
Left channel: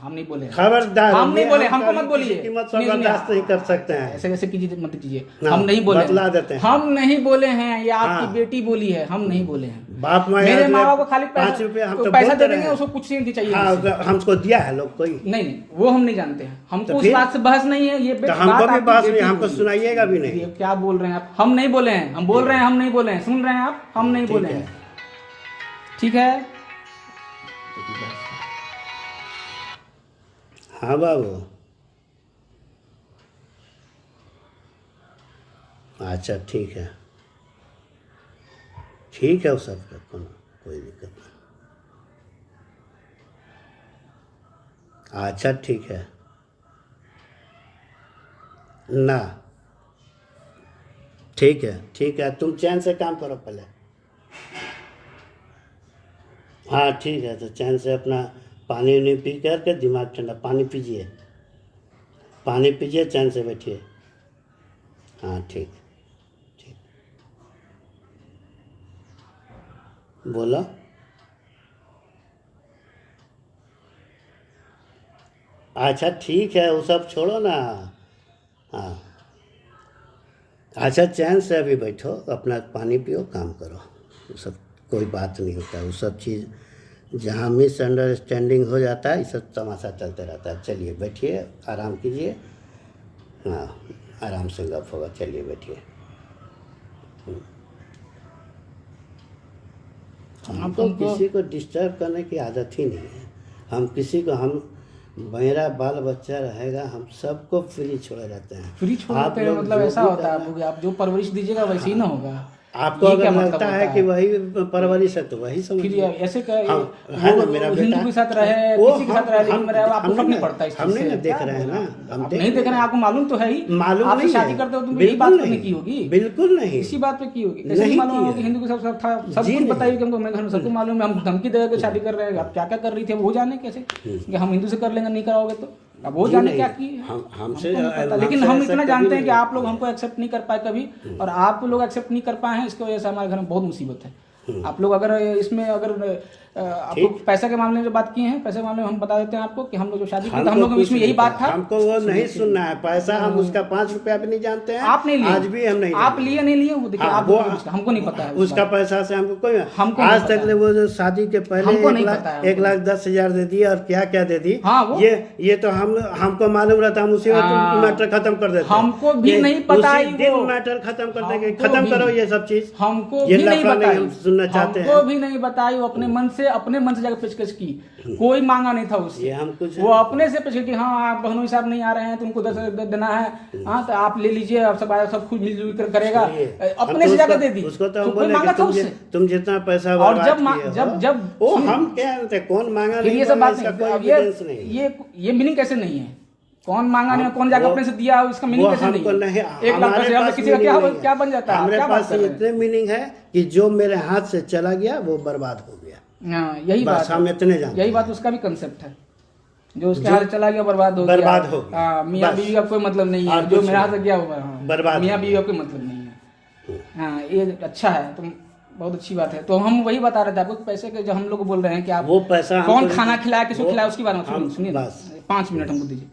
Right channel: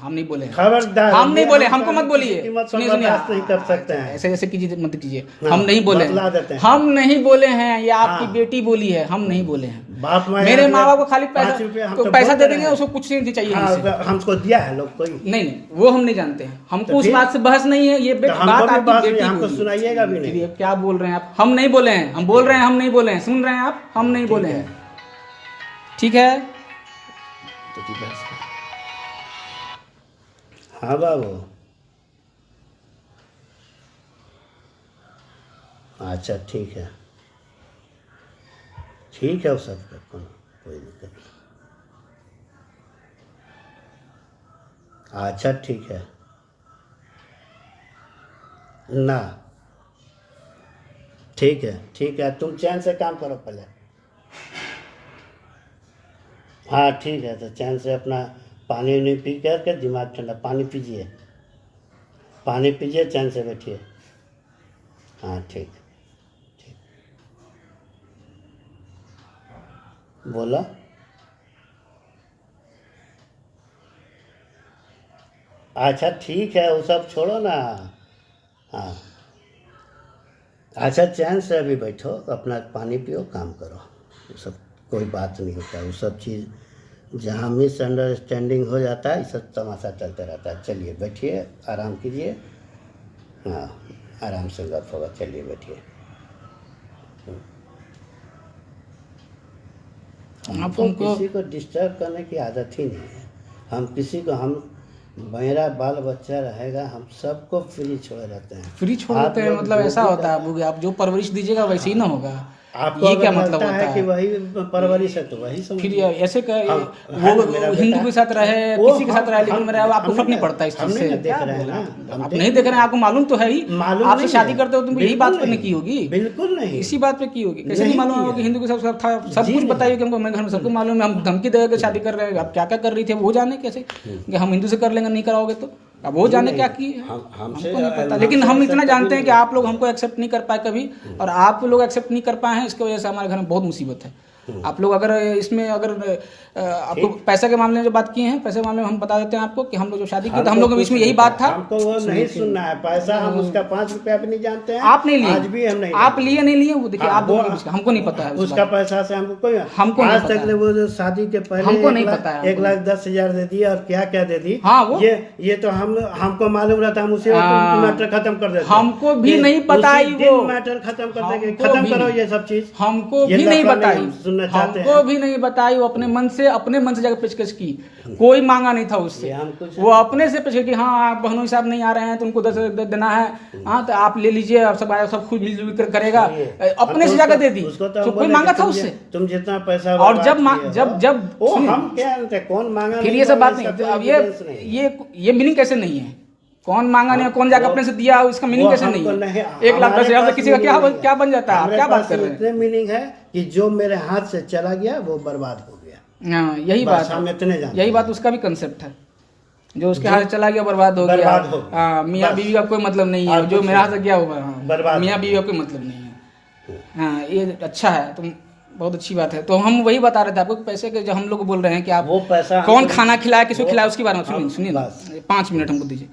हम नहीं बोले, खबरदार, हम नहीं ये बोले, हम हमको मत किसी बोलिए, कीमत सुनिए, पर सुनिए, बर्दाश्त नहीं कर सकते हैं। ऐसे वैसे कीजिए मत कीजिए, हाँ, हम नहीं बोले, बतला देते हैं। हम नहीं बोले हैं, ये आपकी हाँ। बेटी बोली है, हम नहीं बोले हैं। बाप माँ मेरे यार माँ बाप को खाली 5 रुपया हम तो तो पैसा बोल दे रहे देंगे, हैं। उसको कुछ नहीं चाहिए हमसे। हाँ, हमको दिया है लोग कोई, नहीं नहीं, वो हम नहीं जानते हैं, हमको तो उस फिर? बात से बहस नहीं है, ये तो हमको बात भी आपकी बात नहीं, बेटी हमको बोली। सुनाइएगा भी नहीं। ये क्या बोल रहे हैं आप, हम नहीं बोले हैं, हम बोल रहे हैं हम नहीं बोले हैं, सुन रहे हैं आप, हम नहीं ठीक बोले है। हैं, ठीक है। तो की बहस है। हाँ बाबू, अच्छा ठीक है, ठीक है, वो सब का कोई दिक्कत नहीं। अच्छा ठीक है ना, ठीक है, तुम चैन से काम करो पहले। हाँ ठीक है, तो चैन से अपना पानी उनी पी करके दिमाग ठंडा, पानी पीजिए, चैन से बैठिए। हाँ ठीक, बोला। अच्छा ठीक है, वो सब छोड़ो ना। हाँ अच्छा, चैन से अभी बैठो, अपना पानी पियो, काम करो, वो सब कोई बात नहीं होता है। वो सब चीज़ जहाँ मिसअंडरस्टैंडिंग हो जाता है, ये सब तमाशा चलते रहता है। चलिए बैठिए, आराम कीजिए, हाँ आराम से गप होगा, चलिए बैठिए। हमको किसी को डिस्टर्ब करने की आदत ही नहीं है। हम किसी को, हम मेरा बाल बच्चा रहेगा, हम सबको फ्री छोड़े रहते हैं। फ्री छोड़ आप देते हैं, लोग मतलब जो ऐसा भी होता है, आप जो परवरिश दीजिएगा वैसे ही ना होगा। आपको ये अगर क्या मतलब लगता होता है है कि वही परवरिश है तो वही समझ फिर ऐसे कर है वो ना, मेरा हिंदू बेटा। के साथ रहे, वो किसी के साथ रहे, लेकिन मेरे आपको हम फर्क नहीं नहीं- पड़ता इस हम चीज नहीं से। ना देख रहे हैं ना, हम आप नहीं देख रहे हैं, आपको मालूम तो है ही, मालूम आपसे नहीं शादी है। करते हो तुम यही बिल्कुल बात करने नहीं, की होगी, बिल्कुल नहीं, इसी बात पे की होगी। कैसे नहीं नहीं मालूम की होगा है। कि हिंदू के साथ था, सब जी कुछ नहीं। बताइए कि हमको, मैं घर में सबको मालूम है, हम धमकी दे के शादी कर रहे हैं, आप क्या क्या कर रही थी वो जाने कैसे कि हम हिंदू से कर लेंगे, नहीं कराओगे तो अब वो जाने क्या की है, हमसे हमको नहीं पता। लेकिन हम इतना जानते हैं कि आप लोग हमको एक्सेप्ट नहीं कर पाए कभी, और आप लोग एक्सेप्ट नहीं कर पाए हैं, इसकी वजह से हमारे घर में बहुत मुसीबत है। आप लोग अगर इसमें अगर आपको पैसा के मामले में जो बात किए हैं, पैसे के मामले में हम बता देते हैं आपको कि हम लोग जो शादी की, तो हम लोग के बीच में यही बात था। हमको वो नहीं सुनना है पैसा, हम उसका 5 रुपया भी नहीं जानते हैं। आप नहीं लिए, आज भी हम नहीं आप लिए नहीं लिए, वो देखिए हाँ, आप वो हमको नहीं पता है उसका पैसा से हमको कोई, हमको आज नहीं तक पता वो जो शादी के पहले हमको नहीं पता है, 1,10,000 दे दी और क्या क्या दे दी। हाँ, वो ये तो हमको मालूम रहता, हम उसी वक्त मैटर खत्म कर देते। हमको भी नहीं पता है वो मैटर खत्म कर देंगे, हमको खत्म भी करो नहीं। ये सब चीज। हमको ये भी नहीं लफड़ा बताई, हम सुनना चाहते हैं। हमको भी नहीं बताई, वो अपने मन से जाकर पेशकश की, कोई मांगा नहीं था उससे, ये हम कुछ वो अपने से पेशकश की, हाँ आप बहनों साहब नहीं आ रहे हैं तो उनको 10 देना है, हाँ तो आप ले लीजिए, आप सब आए, सब कुछ मिलजुल कर करेगा, अपने से जाकर दे दी, उसको तो तो कोई बोले मांगा कि था उससे। तुम जितना पैसा और बर्बाद जब किए हो, जब वो सुनिए, हम क्या जानते हैं, कौन मांगा फिर नहीं ये सब मांगा, बात इसका नहीं, कोई अब evidence नहीं। ये मीनिंग कैसे नहीं है, कौन मांगा नहीं, कौन जाकर वो- अपने से दिया, उसका मीनिंग कैसे नहीं हमको है। 1 लाख हमारे 10,000 पास किसी का meaning नहीं है। क्या बन जाता है, आप हमारे क्या बात पास कर रहे हैं। इतने मीनिंग है कि जो मेरे हाथ से चला गया वो बर्बाद हो गया। हाँ, यही बस बात हम है, इतने जानते यही हैं। बात उसका भी कंसेप्ट है, जो उसके हाथ से चला गया बर्बाद हो बर्बाद हो गया। हाँ, मियाँ बस। बीवी का कोई मतलब नहीं है, और जो कुछ मेरे हाथ नहीं। से गया होगा, हाँ, बर्बाद मियाँ हो बीवी का कोई मतलब नहीं है। हाँ, ये अच्छा है, तुम बहुत अच्छी बात है। तो हम वही बता रहे थे आपको, पैसे के जो हम लोग बोल रहे हैं कि आप वो पैसा कौन हमको- खाना खिलाया, किसको वो- खिलाया, उसके बारे में सुनिए ना, बस। 5 मिनट हमको दीजिए।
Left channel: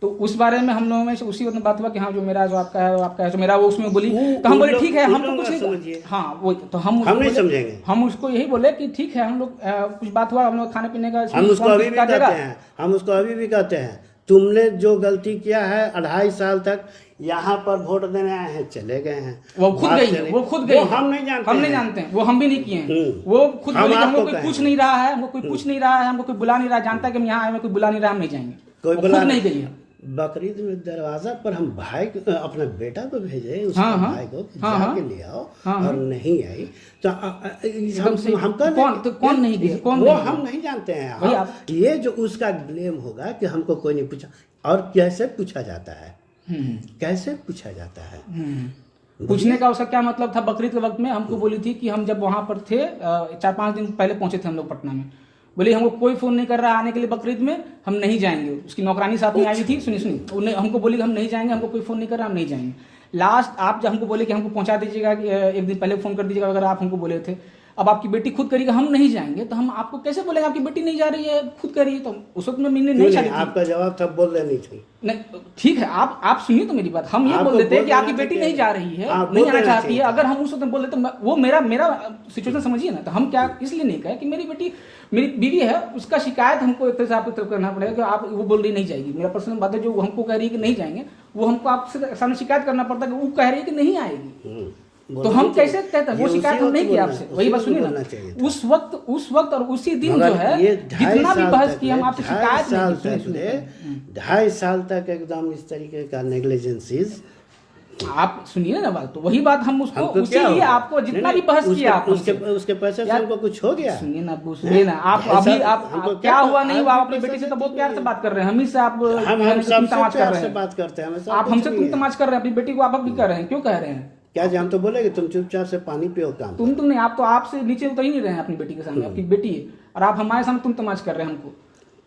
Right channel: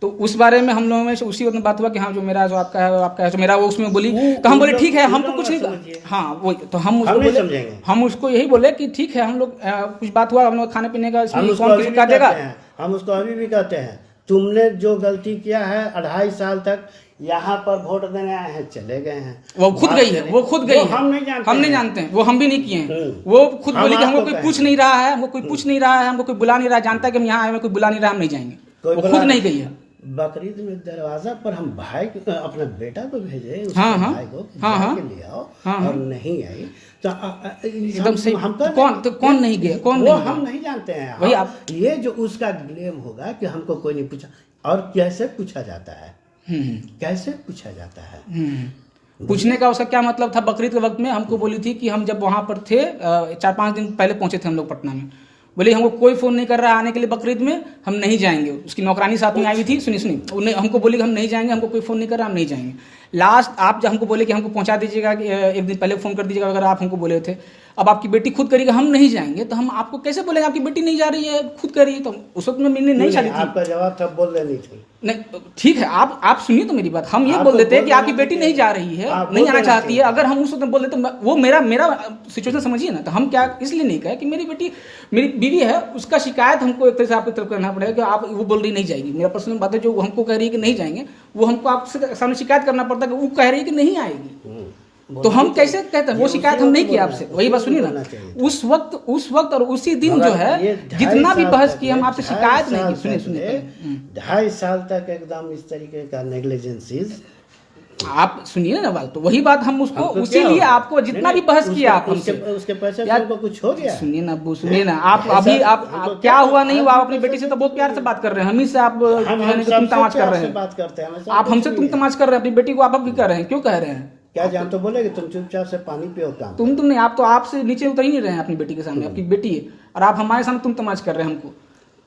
तो उस बारे में हम लोगों में से उसी वक्त बात हुआ कि हाँ जो मेरा जो आपका है, आपका है, तो मेरा वो उसमें बोली, तो हम बोले ठीक है, हमको कुछ नहीं, हाँ वो तो हम उसको नहीं बोले, समझेंगे। हम उसको यही बोले कि ठीक है, हम लोग कुछ बात हुआ, हम लोग खाने पीने का, हम इसमें उसको कौन अभी किसी भी का कहते देगा। हैं, हम उसको अभी भी कहते हैं, तुमने जो गलती किया है 2.5 साल तक यहाँ पर वोट देने आए हैं, चले गए हैं, वो खुद बात गई है, करें। वो खुद गई वो है, हम नहीं जानते हम नहीं हैं। जानते हैं, वो हम भी नहीं किए हैं। वो खुद हम बोली कि हमको आपको कोई कहेंगे। पूछ नहीं रहा है, हमको कोई पूछ नहीं रहा है, हमको कोई बुला नहीं रहा है, जानता है कि हम यहाँ आए हैं, कोई बुला नहीं रहा है, हम नहीं जाएंगे। कोई वो बुला खुद नहीं गई है, बकरीद में दरवाजा पर हम भाई अपने बेटा को भेजे, उसके हाँ, हाँ, भाई को हाँ, हाँ, जाके ले आओ, हाँ, और नहीं आई तो एकदम सही। हम कौन नहीं गया, कौन वो नहीं हम गया? नहीं जानते हैं। वही ये जो उसका ब्लेम होगा कि हमको कोई नहीं पूछा, और कैसे पूछा जाता है, कैसे पूछा जाता है। पूछने का उसका क्या मतलब था? बकरीद के वक्त में हमको बोली थी कि हम जब वहाँ पर थे 4-5 दिन पहले पहुंचे थे हम लोग पटना में, बोले हमको कोई फ़ोन नहीं कर रहा है आने के लिए बकरीद में, हम नहीं जाएंगे। उसकी नौकरानी साथ में आई थी, सुनिए उन्हें हमको बोली कि हम नहीं जाएंगे, हमको कोई फ़ोन नहीं कर रहा, हम नहीं जाएंगे। लास्ट आप जब हमको बोले कि हमको पहुंचा दीजिएगा, एक दिन पहले फ़ोन कर दीजिएगा अगर आप हमको बोले थे। अब आपकी बेटी खुद करेगी हम नहीं जाएंगे, तो हम आपको कैसे बोलेंगे? आपकी बेटी नहीं जा रही है, खुद कर रही है। तो उस वक्त में मैंने नहीं चली थी। आपका जवाब तब बोल देनी थी। नहीं ठीक है, आप सुनिए तो मेरी बात। हम ये बोल देते हैं कि आपकी बेटी नहीं जा रही है, नहीं आना चाहती है। अगर हम उस वक्त बोल देते वो मेरा सिचुएशन समझिए ना, तो हम क्या इसलिए नहीं कहे कि मेरी बेटी मेरी बीवी है, उसका शिकायत हमको एक तरह से आपकी तरफ करना पड़ेगा कि आप वो बोल रही नहीं जाएगी। मेरा पर्सनल बात है, जो हमको कह रही है कि नहीं जाएंगे, वो हमको आपसे सामने शिकायत करना पड़ता है कि वो कह रही है कि नहीं आएगी। तो हम कैसे कहते हैं? वो शिकायत हम नहीं किया आपसे। वही बात सुनिए ना, उस वक्त और उसी दिन जो है जितना भी बहस किया, हम आपसे शिकायत नहीं की। सुनिए 2.5 साल तक एकदम इस तरीके का नेग्लिजेंसीज। आप सुनिए ना बात, तो वही बात हम उसको उसीलिए आपको जितना भी बहस किया आप उसके पैसे से हमको कुछ हो गया। सुनिए ना अब्बू, सुनिए ना आप अभी आप क्या हुआ नहीं हुआ, आप अपनी बेटी से तो बहुत प्यार से बात कर रहे हैं, हम ही से आप तुम तमाच कर रहे हैं, बात करते हैं। आप हमसे तुम तमाच कर रहे हैं, अपनी बेटी को आप भी कर रहे हैं। क्यों कह रहे हैं? क्या हम तो बोले कि तुम चुपचाप से पानी पियो काम। तुम नहीं, आप तो आपसे नीचे उतर ही नहीं रहे हैं अपनी बेटी के सामने। आपकी बेटी है और आप हमारे सामने तुम तमाच कर रहे हैं हमको।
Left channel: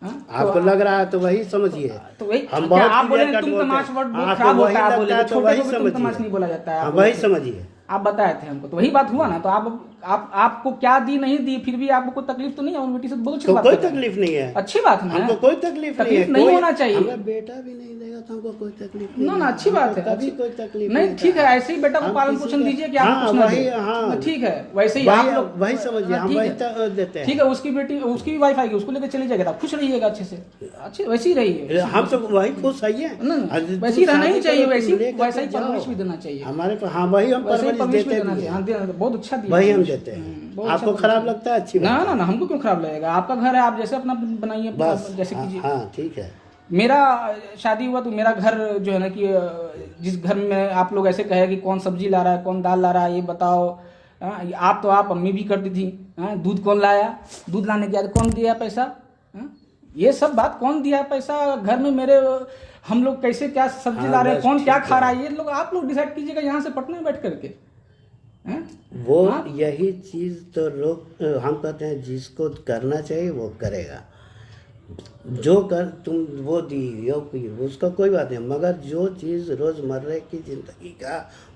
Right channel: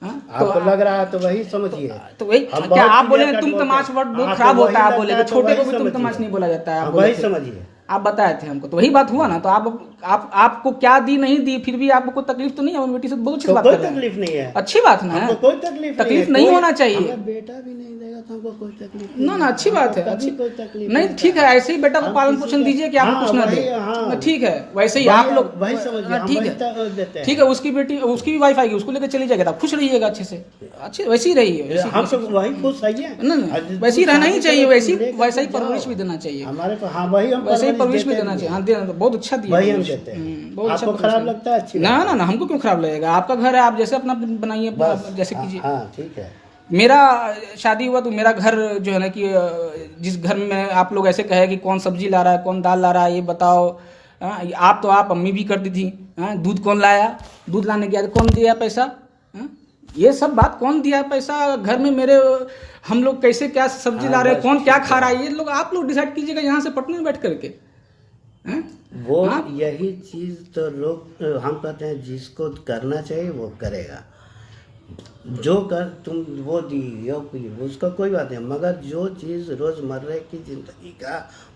आपको लग रहा है तो वही समझिए। तो वही क्या आप बोले तुम तमाच वर्ड बहुत खराब होता है, बोले छोटे को भी तुम तमाच नहीं बोला जाता है, वही समझिए। आप बताए थे हमको, तो वही बात हुआ ना। तो आपको क्या दी नहीं दी, फिर भी आपको कोई तकलीफ तो नहीं है? अपनी बेटी से बहुत अच्छी बात कोई तकलीफ नहीं है, अच्छी बात ना है, कोई तकलीफ नहीं होना चाहिए। बेटा भी नहीं देगा तो हमको कोई तकलीफ ना अच्छी बात है, अच्छी कोई तकलीफ नहीं। ठीक है, ऐसे ही बेटा को पालन पोषण दीजिए कि आपको कुछ ना दे। ठीक है, वैसे ही आप लोग वही समझिए, हम वही देते हैं। ठीक है, उसकी बेटी उसकी भी वाइफ आएगी, उसको लेकर चली जाएगा, खुश रहिएगा अच्छे से, अच्छे वैसे ही रहिए। हम सब वही खुश आइए, वैसे ही रहना ही चाहिए, वैसे ही परवरिश भी देना चाहिए हमारे को। हाँ वही हम वैसे ही परवरिश भी देना चाहिए। हाँ देना, बहुत अच्छा दिया, वही हम देते हैं। आपको खराब लगता है? अच्छी ना ना, हमको क्यों खराब लगेगा? आपका घर है, आप जैसे अपना बनाइए, जैसे कीजिए। हाँ ठीक है। मेरा शादी हुआ तो मेरा घर जो है ना कि जिस घर में आप लोग ऐसे कहे कि कौन सब्जी ला रहा है, कौन दाल ला रहा है, ये बताओ। आप अम्मी भी करती थी। दूध कौन लाया, दूध लाने गया कौन दिया पैसा, ये सब बात कौन दिया पैसा घर में मेरे, हम लोग कैसे क्या सब्जी ला रहे हैं, कौन क्या खा रहा है, ये लोग आप लोग डिसाइड कीजिएगा यहाँ से पटना में बैठ करके। वो यही चीज तो हम कहते हैं जिसको करना चाहिए वो करेगा। जो कर तुम वो दी या उसका कोई बात नहीं, मगर जो चीज़ रोज़मर्रा की जिंदगी का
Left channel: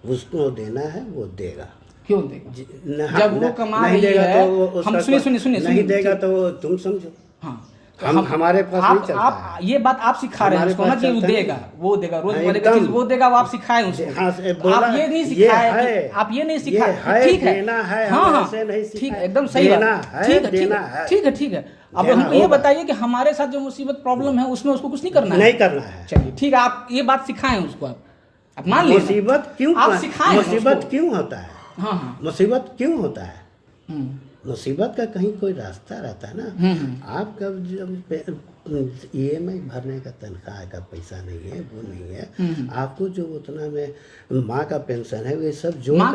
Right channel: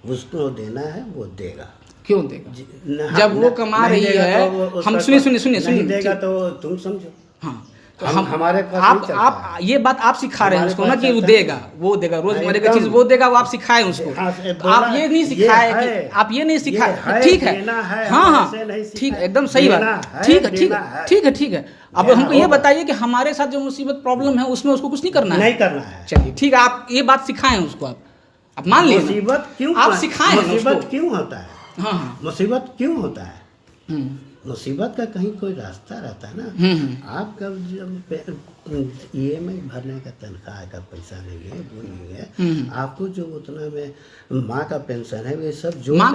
उसको देना है वो देगा। क्यों देगा? जब वो कमा रही है, हम सुनिए देगा तो तुम समझो। हाँ, हमारे पास आप ये बात आप सिखा रहे हैं उसको ना कि वो देगा रोजमर्रा की चीज वो देगा, वो आप सिखाए उसको। आप ये नहीं सिखाए कि आप ये नहीं सिखाए। ठीक है, हाँ ठीक है, एकदम सही बात। ठीक है। अब हमको ये बताइए कि हमारे साथ जो मुसीबत प्रॉब्लम है उसमें उसको कुछ नहीं करना है। चलिए ठीक है, आप ये बात सिखाएं उसको। आप मान लीजिए मुसीबत क्यों आप सिखाएं, मुसीबत क्यों होता है? हाँ मुसीबत क्यों होता है? मुसीबत का कहीं कोई रास्ता रहता है ना। आपका EMI भरने का तनख्वाह का पैसा नहीं है, वो नहीं है। आपको जो उतना में माँ का पेंशन है, ये सब जोड़ माँ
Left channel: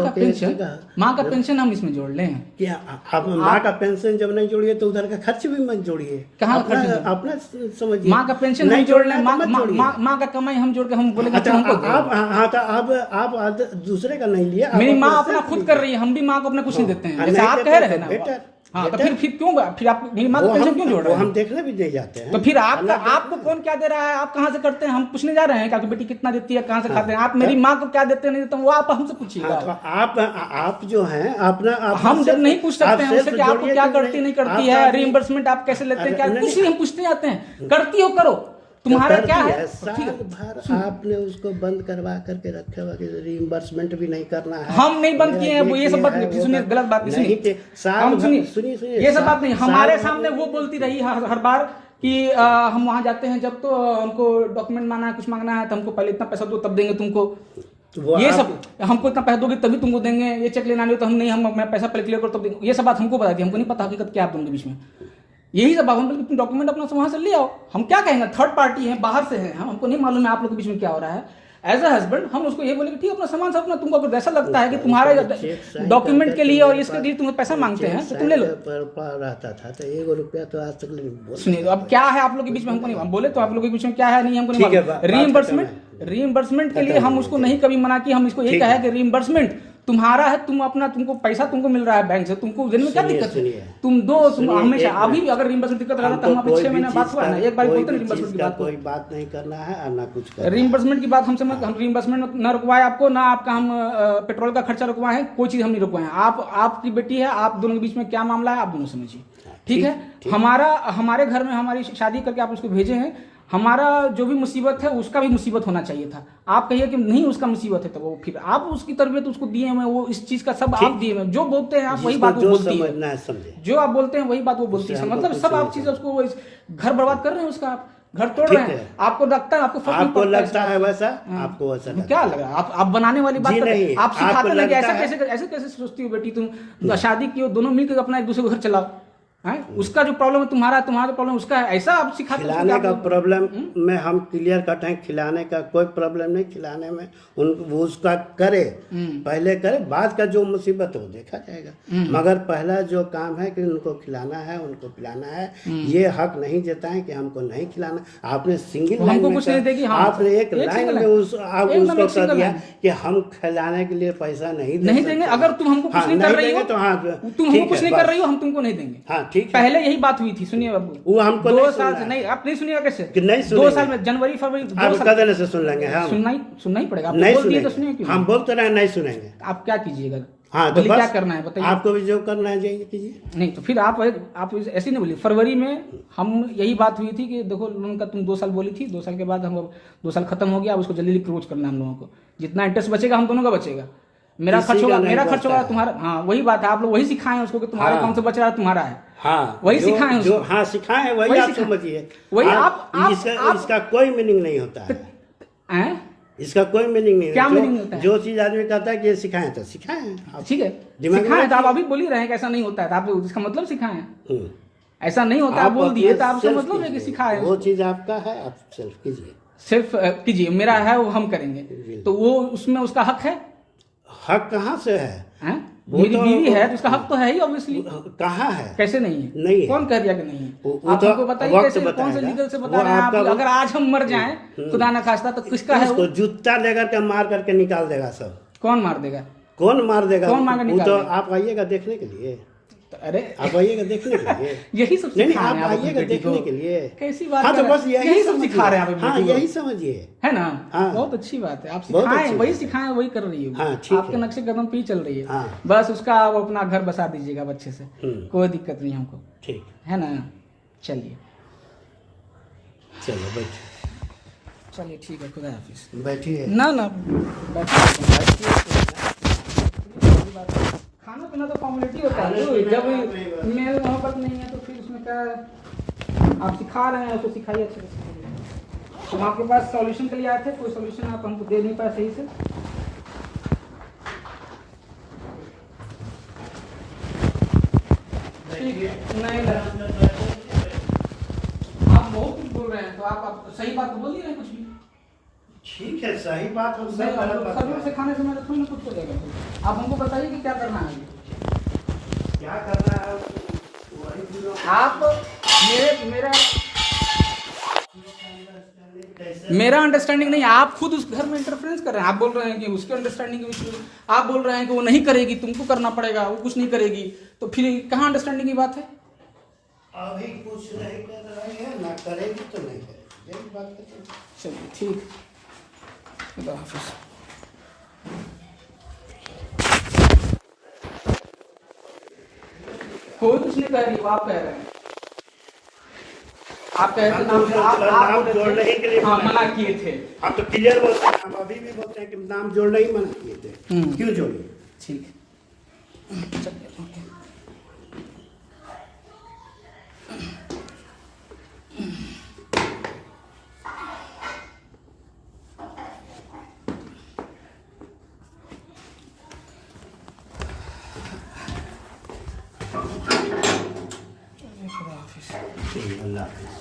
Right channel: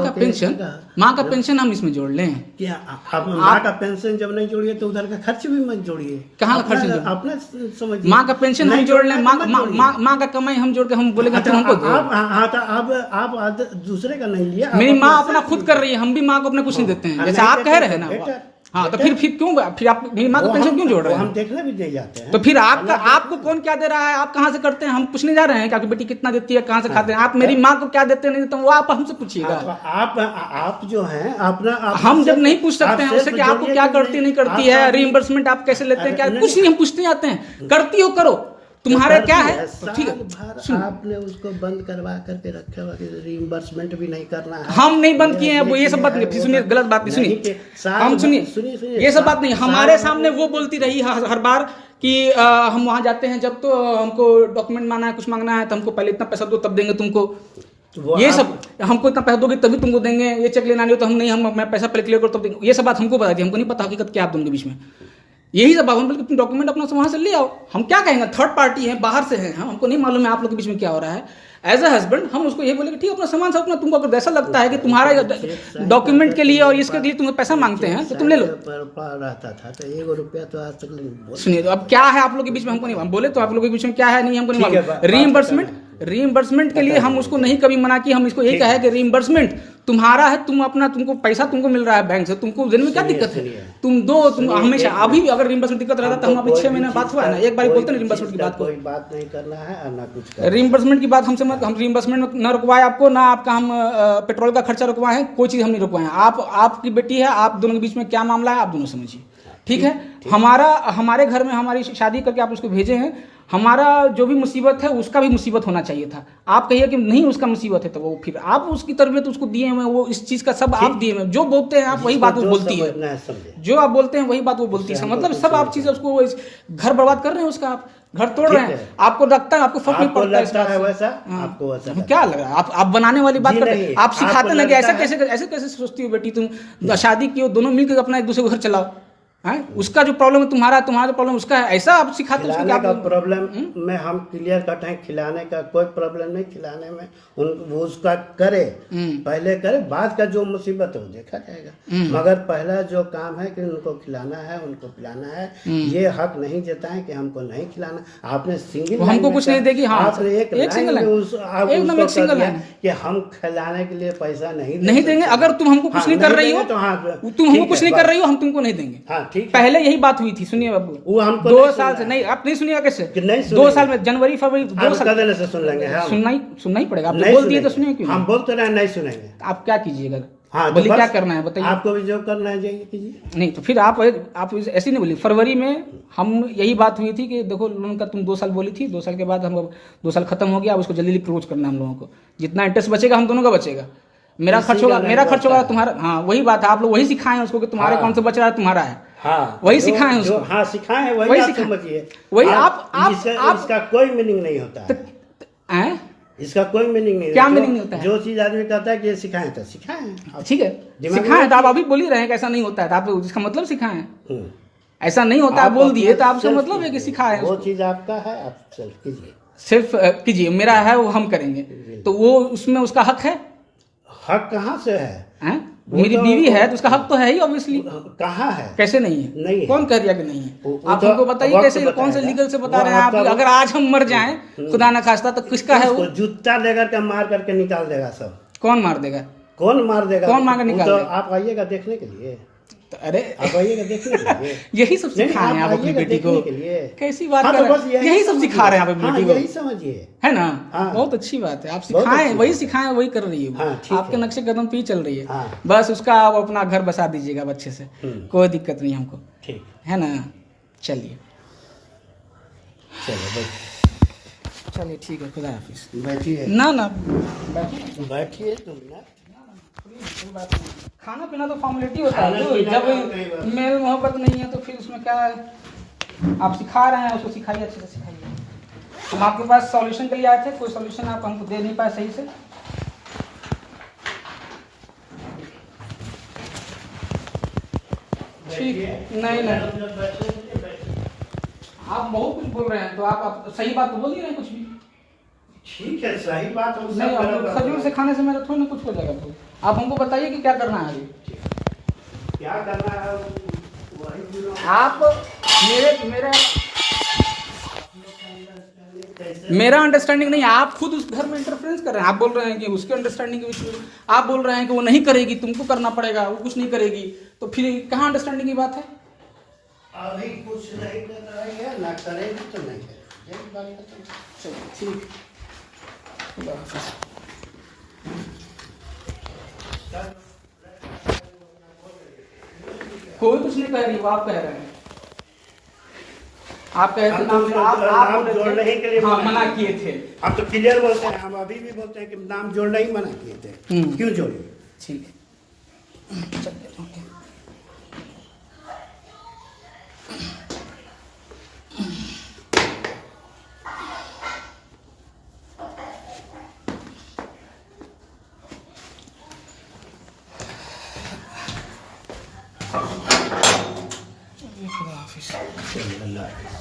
का पेंशन हम इसमें जोड़ लें क्या? आप माँ का पेंशन जब नहीं जोड़िए तो उधर का खर्च भी मत जोड़िए। कहाँ का खर्च? अपना समझिए। माँ का पेंशन हम जोड़ लें, माँ का कमाई हम जोड़ के हम बोलेगा तो हमको आप दूसरे का नहीं लिया। मेरी माँ अपना खुद कर रही है, हम भी माँ को अपना कुछ नहीं देते हैं, जैसे आप कह रहे हैं ना। हाँ तो फिर क्यों, फिर आप मेरी माँ का पेंशन क्यों जोड़ रहे हैं? हम देखने भी दे जाते हैं। तो फिर आपको कौन क्या दे रहा है, आप कहाँ से करते हैं? हम पूछने जा रहे हैं कि आपकी बेटी कितना देती है, कहाँ से खाते हैं? आप मेरी माँ को क्या देते नहीं, तो वो आप हमसे पूछिएगा। आप जो हैं अपना हम जब नहीं पूछ सकते हैं उससे कि आपको क्या करती नहीं करती है, रीइंबर्समेंट आप कैसे लेते हैं, क्या कुछ नहीं हम पूछते जाते हैं। करती हो करो, तुम्हारा क्या है? ठीक है, आपने उसको बंद करवा करके रखे हुआ कि रीइंबर्समेंट भी नहीं करना है। हम नहीं बंद किए हैं, वो ये सब बात नहीं। सुनिए, गलत बात नहीं, सुनिए ये सब बात नहीं। हमारे सामने वो बोलती रही हर बार कि हम वहाँ जाते हैं जब तो हमको डॉक्यूमेंट मांगना है, कुछ मांगना है तो हमको पहले इतना पैसा दो तब देंगे तुमको। ये सब हमको इतना पैसा दोगे तभी तुमको देंगे, ये चेक लेना नहीं तो हम नहीं, हम मैं पैसा पहले क्लियर करो तब देंगे। ये सब बात हमको पता थी, हमको नहीं पता हकीकत क्या आप दोनों के बीच में। यही सब हम बोल तुम डॉक्यूमेंट अपना वहाँ से ले आओ। हम क्या कहेंगे, थर्ड पार्टी है, बाहर से हैं, हमको नहीं मालूम है आप लोग के बीच में क्या हो रहा है। एज अ हस्बैंड हम उसको ये बोले कि ठीक है अपना सामान सब अपना, तुमको अगर ऐसा लगता है कि तुम्हारा डॉक्यूमेंट के लिए और इसके लिए तुम्हें पैसा मांगते हैं तो तुम ले लो। रहता था तो 1 रुपया तो आज तक नहीं। सुनिए, तो अब क्या है आप लोग के बीच में हमको नहीं, हम बोले तो आप लोग के बीच में क्या है नहीं हमको नहीं मालूम। रीइंबर्समेंट के लिए हम उसको नहीं कभी मना किया, हम इसको यही कहा है कि रीइंबर्समेंट तुम्हारा है, तुम अपना, तुमको पैसा तुमको मिल रहा है बैंक से, तुमको देने में क्या दिक्कत है, तुम दो, तुम हमेशा अभी भी अगर रीइंबर्समेंट दिक्कत रहता तो हम अभी 6 महीने बात हुआ ना, एक बार बोलते ना रीइंबर्समेंट की बात, कोई बात नहीं करना है और ना कुछ करना। रीइंबर्समेंट की बात हमसे हम रीइंबर्समेंट न रुकवाए आपको, ना आपका हम पेट्रोल का खर्चा रुकवाए हैं, कोई चीज़ हम नहीं रुकवाए हैं। आपकी बेटी है, आप दोनों के बीच में क्या मामला है आप दोनों समझिए, ठीक है। हमारे घर में हमारी शादी करके आप उसको भेजे हैं, हमारा जो भी मुसीबत है उसका भी मुसीबत होना चाहिए था। आप कहिए कि नहीं उसका मुसीबत है तो वो फिर आप उसकी तरबियत उसको दिए हैं, वो इस चीज़ का सब आप दिए हैं, जो बोलते हैं आप वही बात वो बोलती है, जो आप बोलते हैं वही बात वो बोलती है, मतलब सब आप चीज़ उसको घर बर्बाद कर रहे हैं उसका, आप घर तोड़ रहे हैं, आपको लगता है आपको फर्क नहीं पड़ता है वैसा, आपको वैसा क्या लग रहा है, आप बनाने वाली बात कर रहे हैं, आप सिखाते लगे ऐसे कैसे सोचती हो बेटी तुम, शादी की हो दोनों मिलकर अपना एक दूसरे को घर चलाओ, है उसका जो प्रॉब्लम है तुम्हारा जो प्रॉब्लम उसका है, ऐसा आप सिखाते हो। खिलाने का प्रॉब्लम में हम क्लियर कट हैं, खिलाने का कोई प्रॉब्लम नहीं, खिलाने में वो उसका करे, पहले करे, बाद का जो मुसीबत है वो देखा जाएगा, मगर पहला जो काम है कि उनको खिलाना है, उनको पिलाना है, ये हक नहीं देता है कि हमको नहीं खिलाना। आपने सिंगल हमको कुछ नहीं देगी, आपने एक लाइन में उसको कर दिया कि हम खिलाने के लिए पैसा नहीं देंगे, अगर तुम हमको कुछ नहीं कर रही हो तो हाँ, तुम हमको कुछ नहीं कर रही हो हम तुमको नहीं देंगे। हाँ ठीक, पहले यही बात हुई थी, सुनिए बाबू, वो हमको 2 साल से नहीं, आप नहीं सुनिएगा कैसे, 2 साल में जनवरी फरवरी 2 साल से सुन लेंगे, सुनना ही पड़ेगा, आप बोल दिए तो सुनिए क्यों, हम बोलते रहे नहीं सुनेंगे, आप क्या कीजिएगा, हाँ बोलिए क्या करना है बताइए, आपको भी जो करना है जाइए कीजिए। नहीं तो फिर आप ऐसे नहीं बोलिए, फरवरी में हम यही बात हुई थी कि देखो लोन का तुम 2 साल बोली थी, 2 साल के बाद हम 2 साल खत्म हो गया, अब उसको जल्दी क्लोज करना है हम लोगों को, जितना इंटरेस्ट बचेगा हम दोनों का बचेगा, मेरा खर्च होगा तुम्हारा, हाँ वही बात है, आप लोग वही सिखाए उसको कि तुम्हारे अकाउंट से बच रहा है तुम्हारा है, हाँ वही सिखाए उसको, हाँ सिखाए वही आप समझिए, वही इसका कोई मीनिंग नहीं होता है, इसका कोई मीनिंग नहीं, क्या मीनिंग होता है, जो चीज आदमी कहता है कि सिखाएं तो सिखाएं, ठीक है सिखाएं, तो आप अभी बोल ही रहे हैं कि ऐसा नहीं होता है, तो आप इसका मतलब सिखाएं, ऐसा नहीं होता आप बोल दिए तो आपका मतलब है कि सिखाएं, वो चीज आपका है आप सेल्फ कीजिए, सिर्फ कीजिए, मेरा है वो हम करेंगे, तो वो उसमें उसका हक है, हक कहाँ से है, मेरी बीवी है तो उसका हक तो है ही ऑब्वियसली, कहाँ है, कैसे नहीं है, नहीं है, कौन कह रहा है कि नहीं है, आप हमको बताइए कैसे, कौन से लीगल से बता रहे हैं आप, अगर आज हम मर जाएं खुदा ना खास्ता तो किसका है वो, जूता लेकर के मार करके निकाल देगा सब, कौन मार देगा, कौन मार देगा, कौन मार के निकाल देगा, आप आइएगा देखने के लिए, अरे आप आइएगा देखने के लिए, यही सब सिखा रहे हैं आप अपनी बेटी को, के लिए कैसी बात कर रहे हैं, यही सब सिखा रहे हैं आप अपनी बेटी को, यही समझिए, है ना, बहुत अच्छी बात है, आप सिखाएं वही सिखाएं वही कर रही है, आपके नक्शे कदम पे ही चल रही है, बस उसका आप अपना घर बसा दीजिएगा अच्छे से, कोई दिक्कत नहीं हमको, ठीक है ना, चलिए चलिए ठीक है, खुदा हाफिज, बैठिए, ना बैठिए, खाना पीना तो फॉर्मेलिटी होता है, जब मेल मोहब्बत नहीं है तो फिर उसमें क्या है, आप सिखा रहे हैं उसको सिखाइए अच्छे से सिखाइए, हम आपके पास सॉल्यूशन के लिए आए थे, कोई सॉल्यूशन आप हमको दे नहीं पाए सही से, ठीक नहीं आप बहुत कुछ बोल रहे हैं, तो आप सही बात तो बोल ही रहे हैं कुछ भी, ठीक है सही बात हम सब्जी से खाने से मेरा थोड़ी ना कुछ हो जाएगा, आप हमको बताइए कि क्या करना है, क्या करना है आप मेरा अंडरस्टैंडिंग नहीं, आप खुद उस घर में इंटरफेरेंस कर रहे हैं, आप बोल रहे हैं कि उसके अंडरस्टैंडिंग के विषय में आप बोल रहे हैं कि वो नहीं करेगी, तुमको करना पड़ेगा, वो कुछ नहीं करेगी, तो फिर कहाँ अंडरस्टैंडिंग की बात है, अभी कुछ नहीं कर रही है, ना करेगी तो नहीं करेगी, यही बात है, चलिए ठीक, कोई कुछ नहीं कह रही, आप कह रहे हैं, आप कह रहे नाम जोड़ने के लिए मना किए थे, आप तो क्लियर बोलते हैं, हम अभी भी बोलते हैं कि नाम जोड़ने ही मना किए थे, क्यों जोड़िए, ठीक है चलिए, खुदा हाफिज। हाँ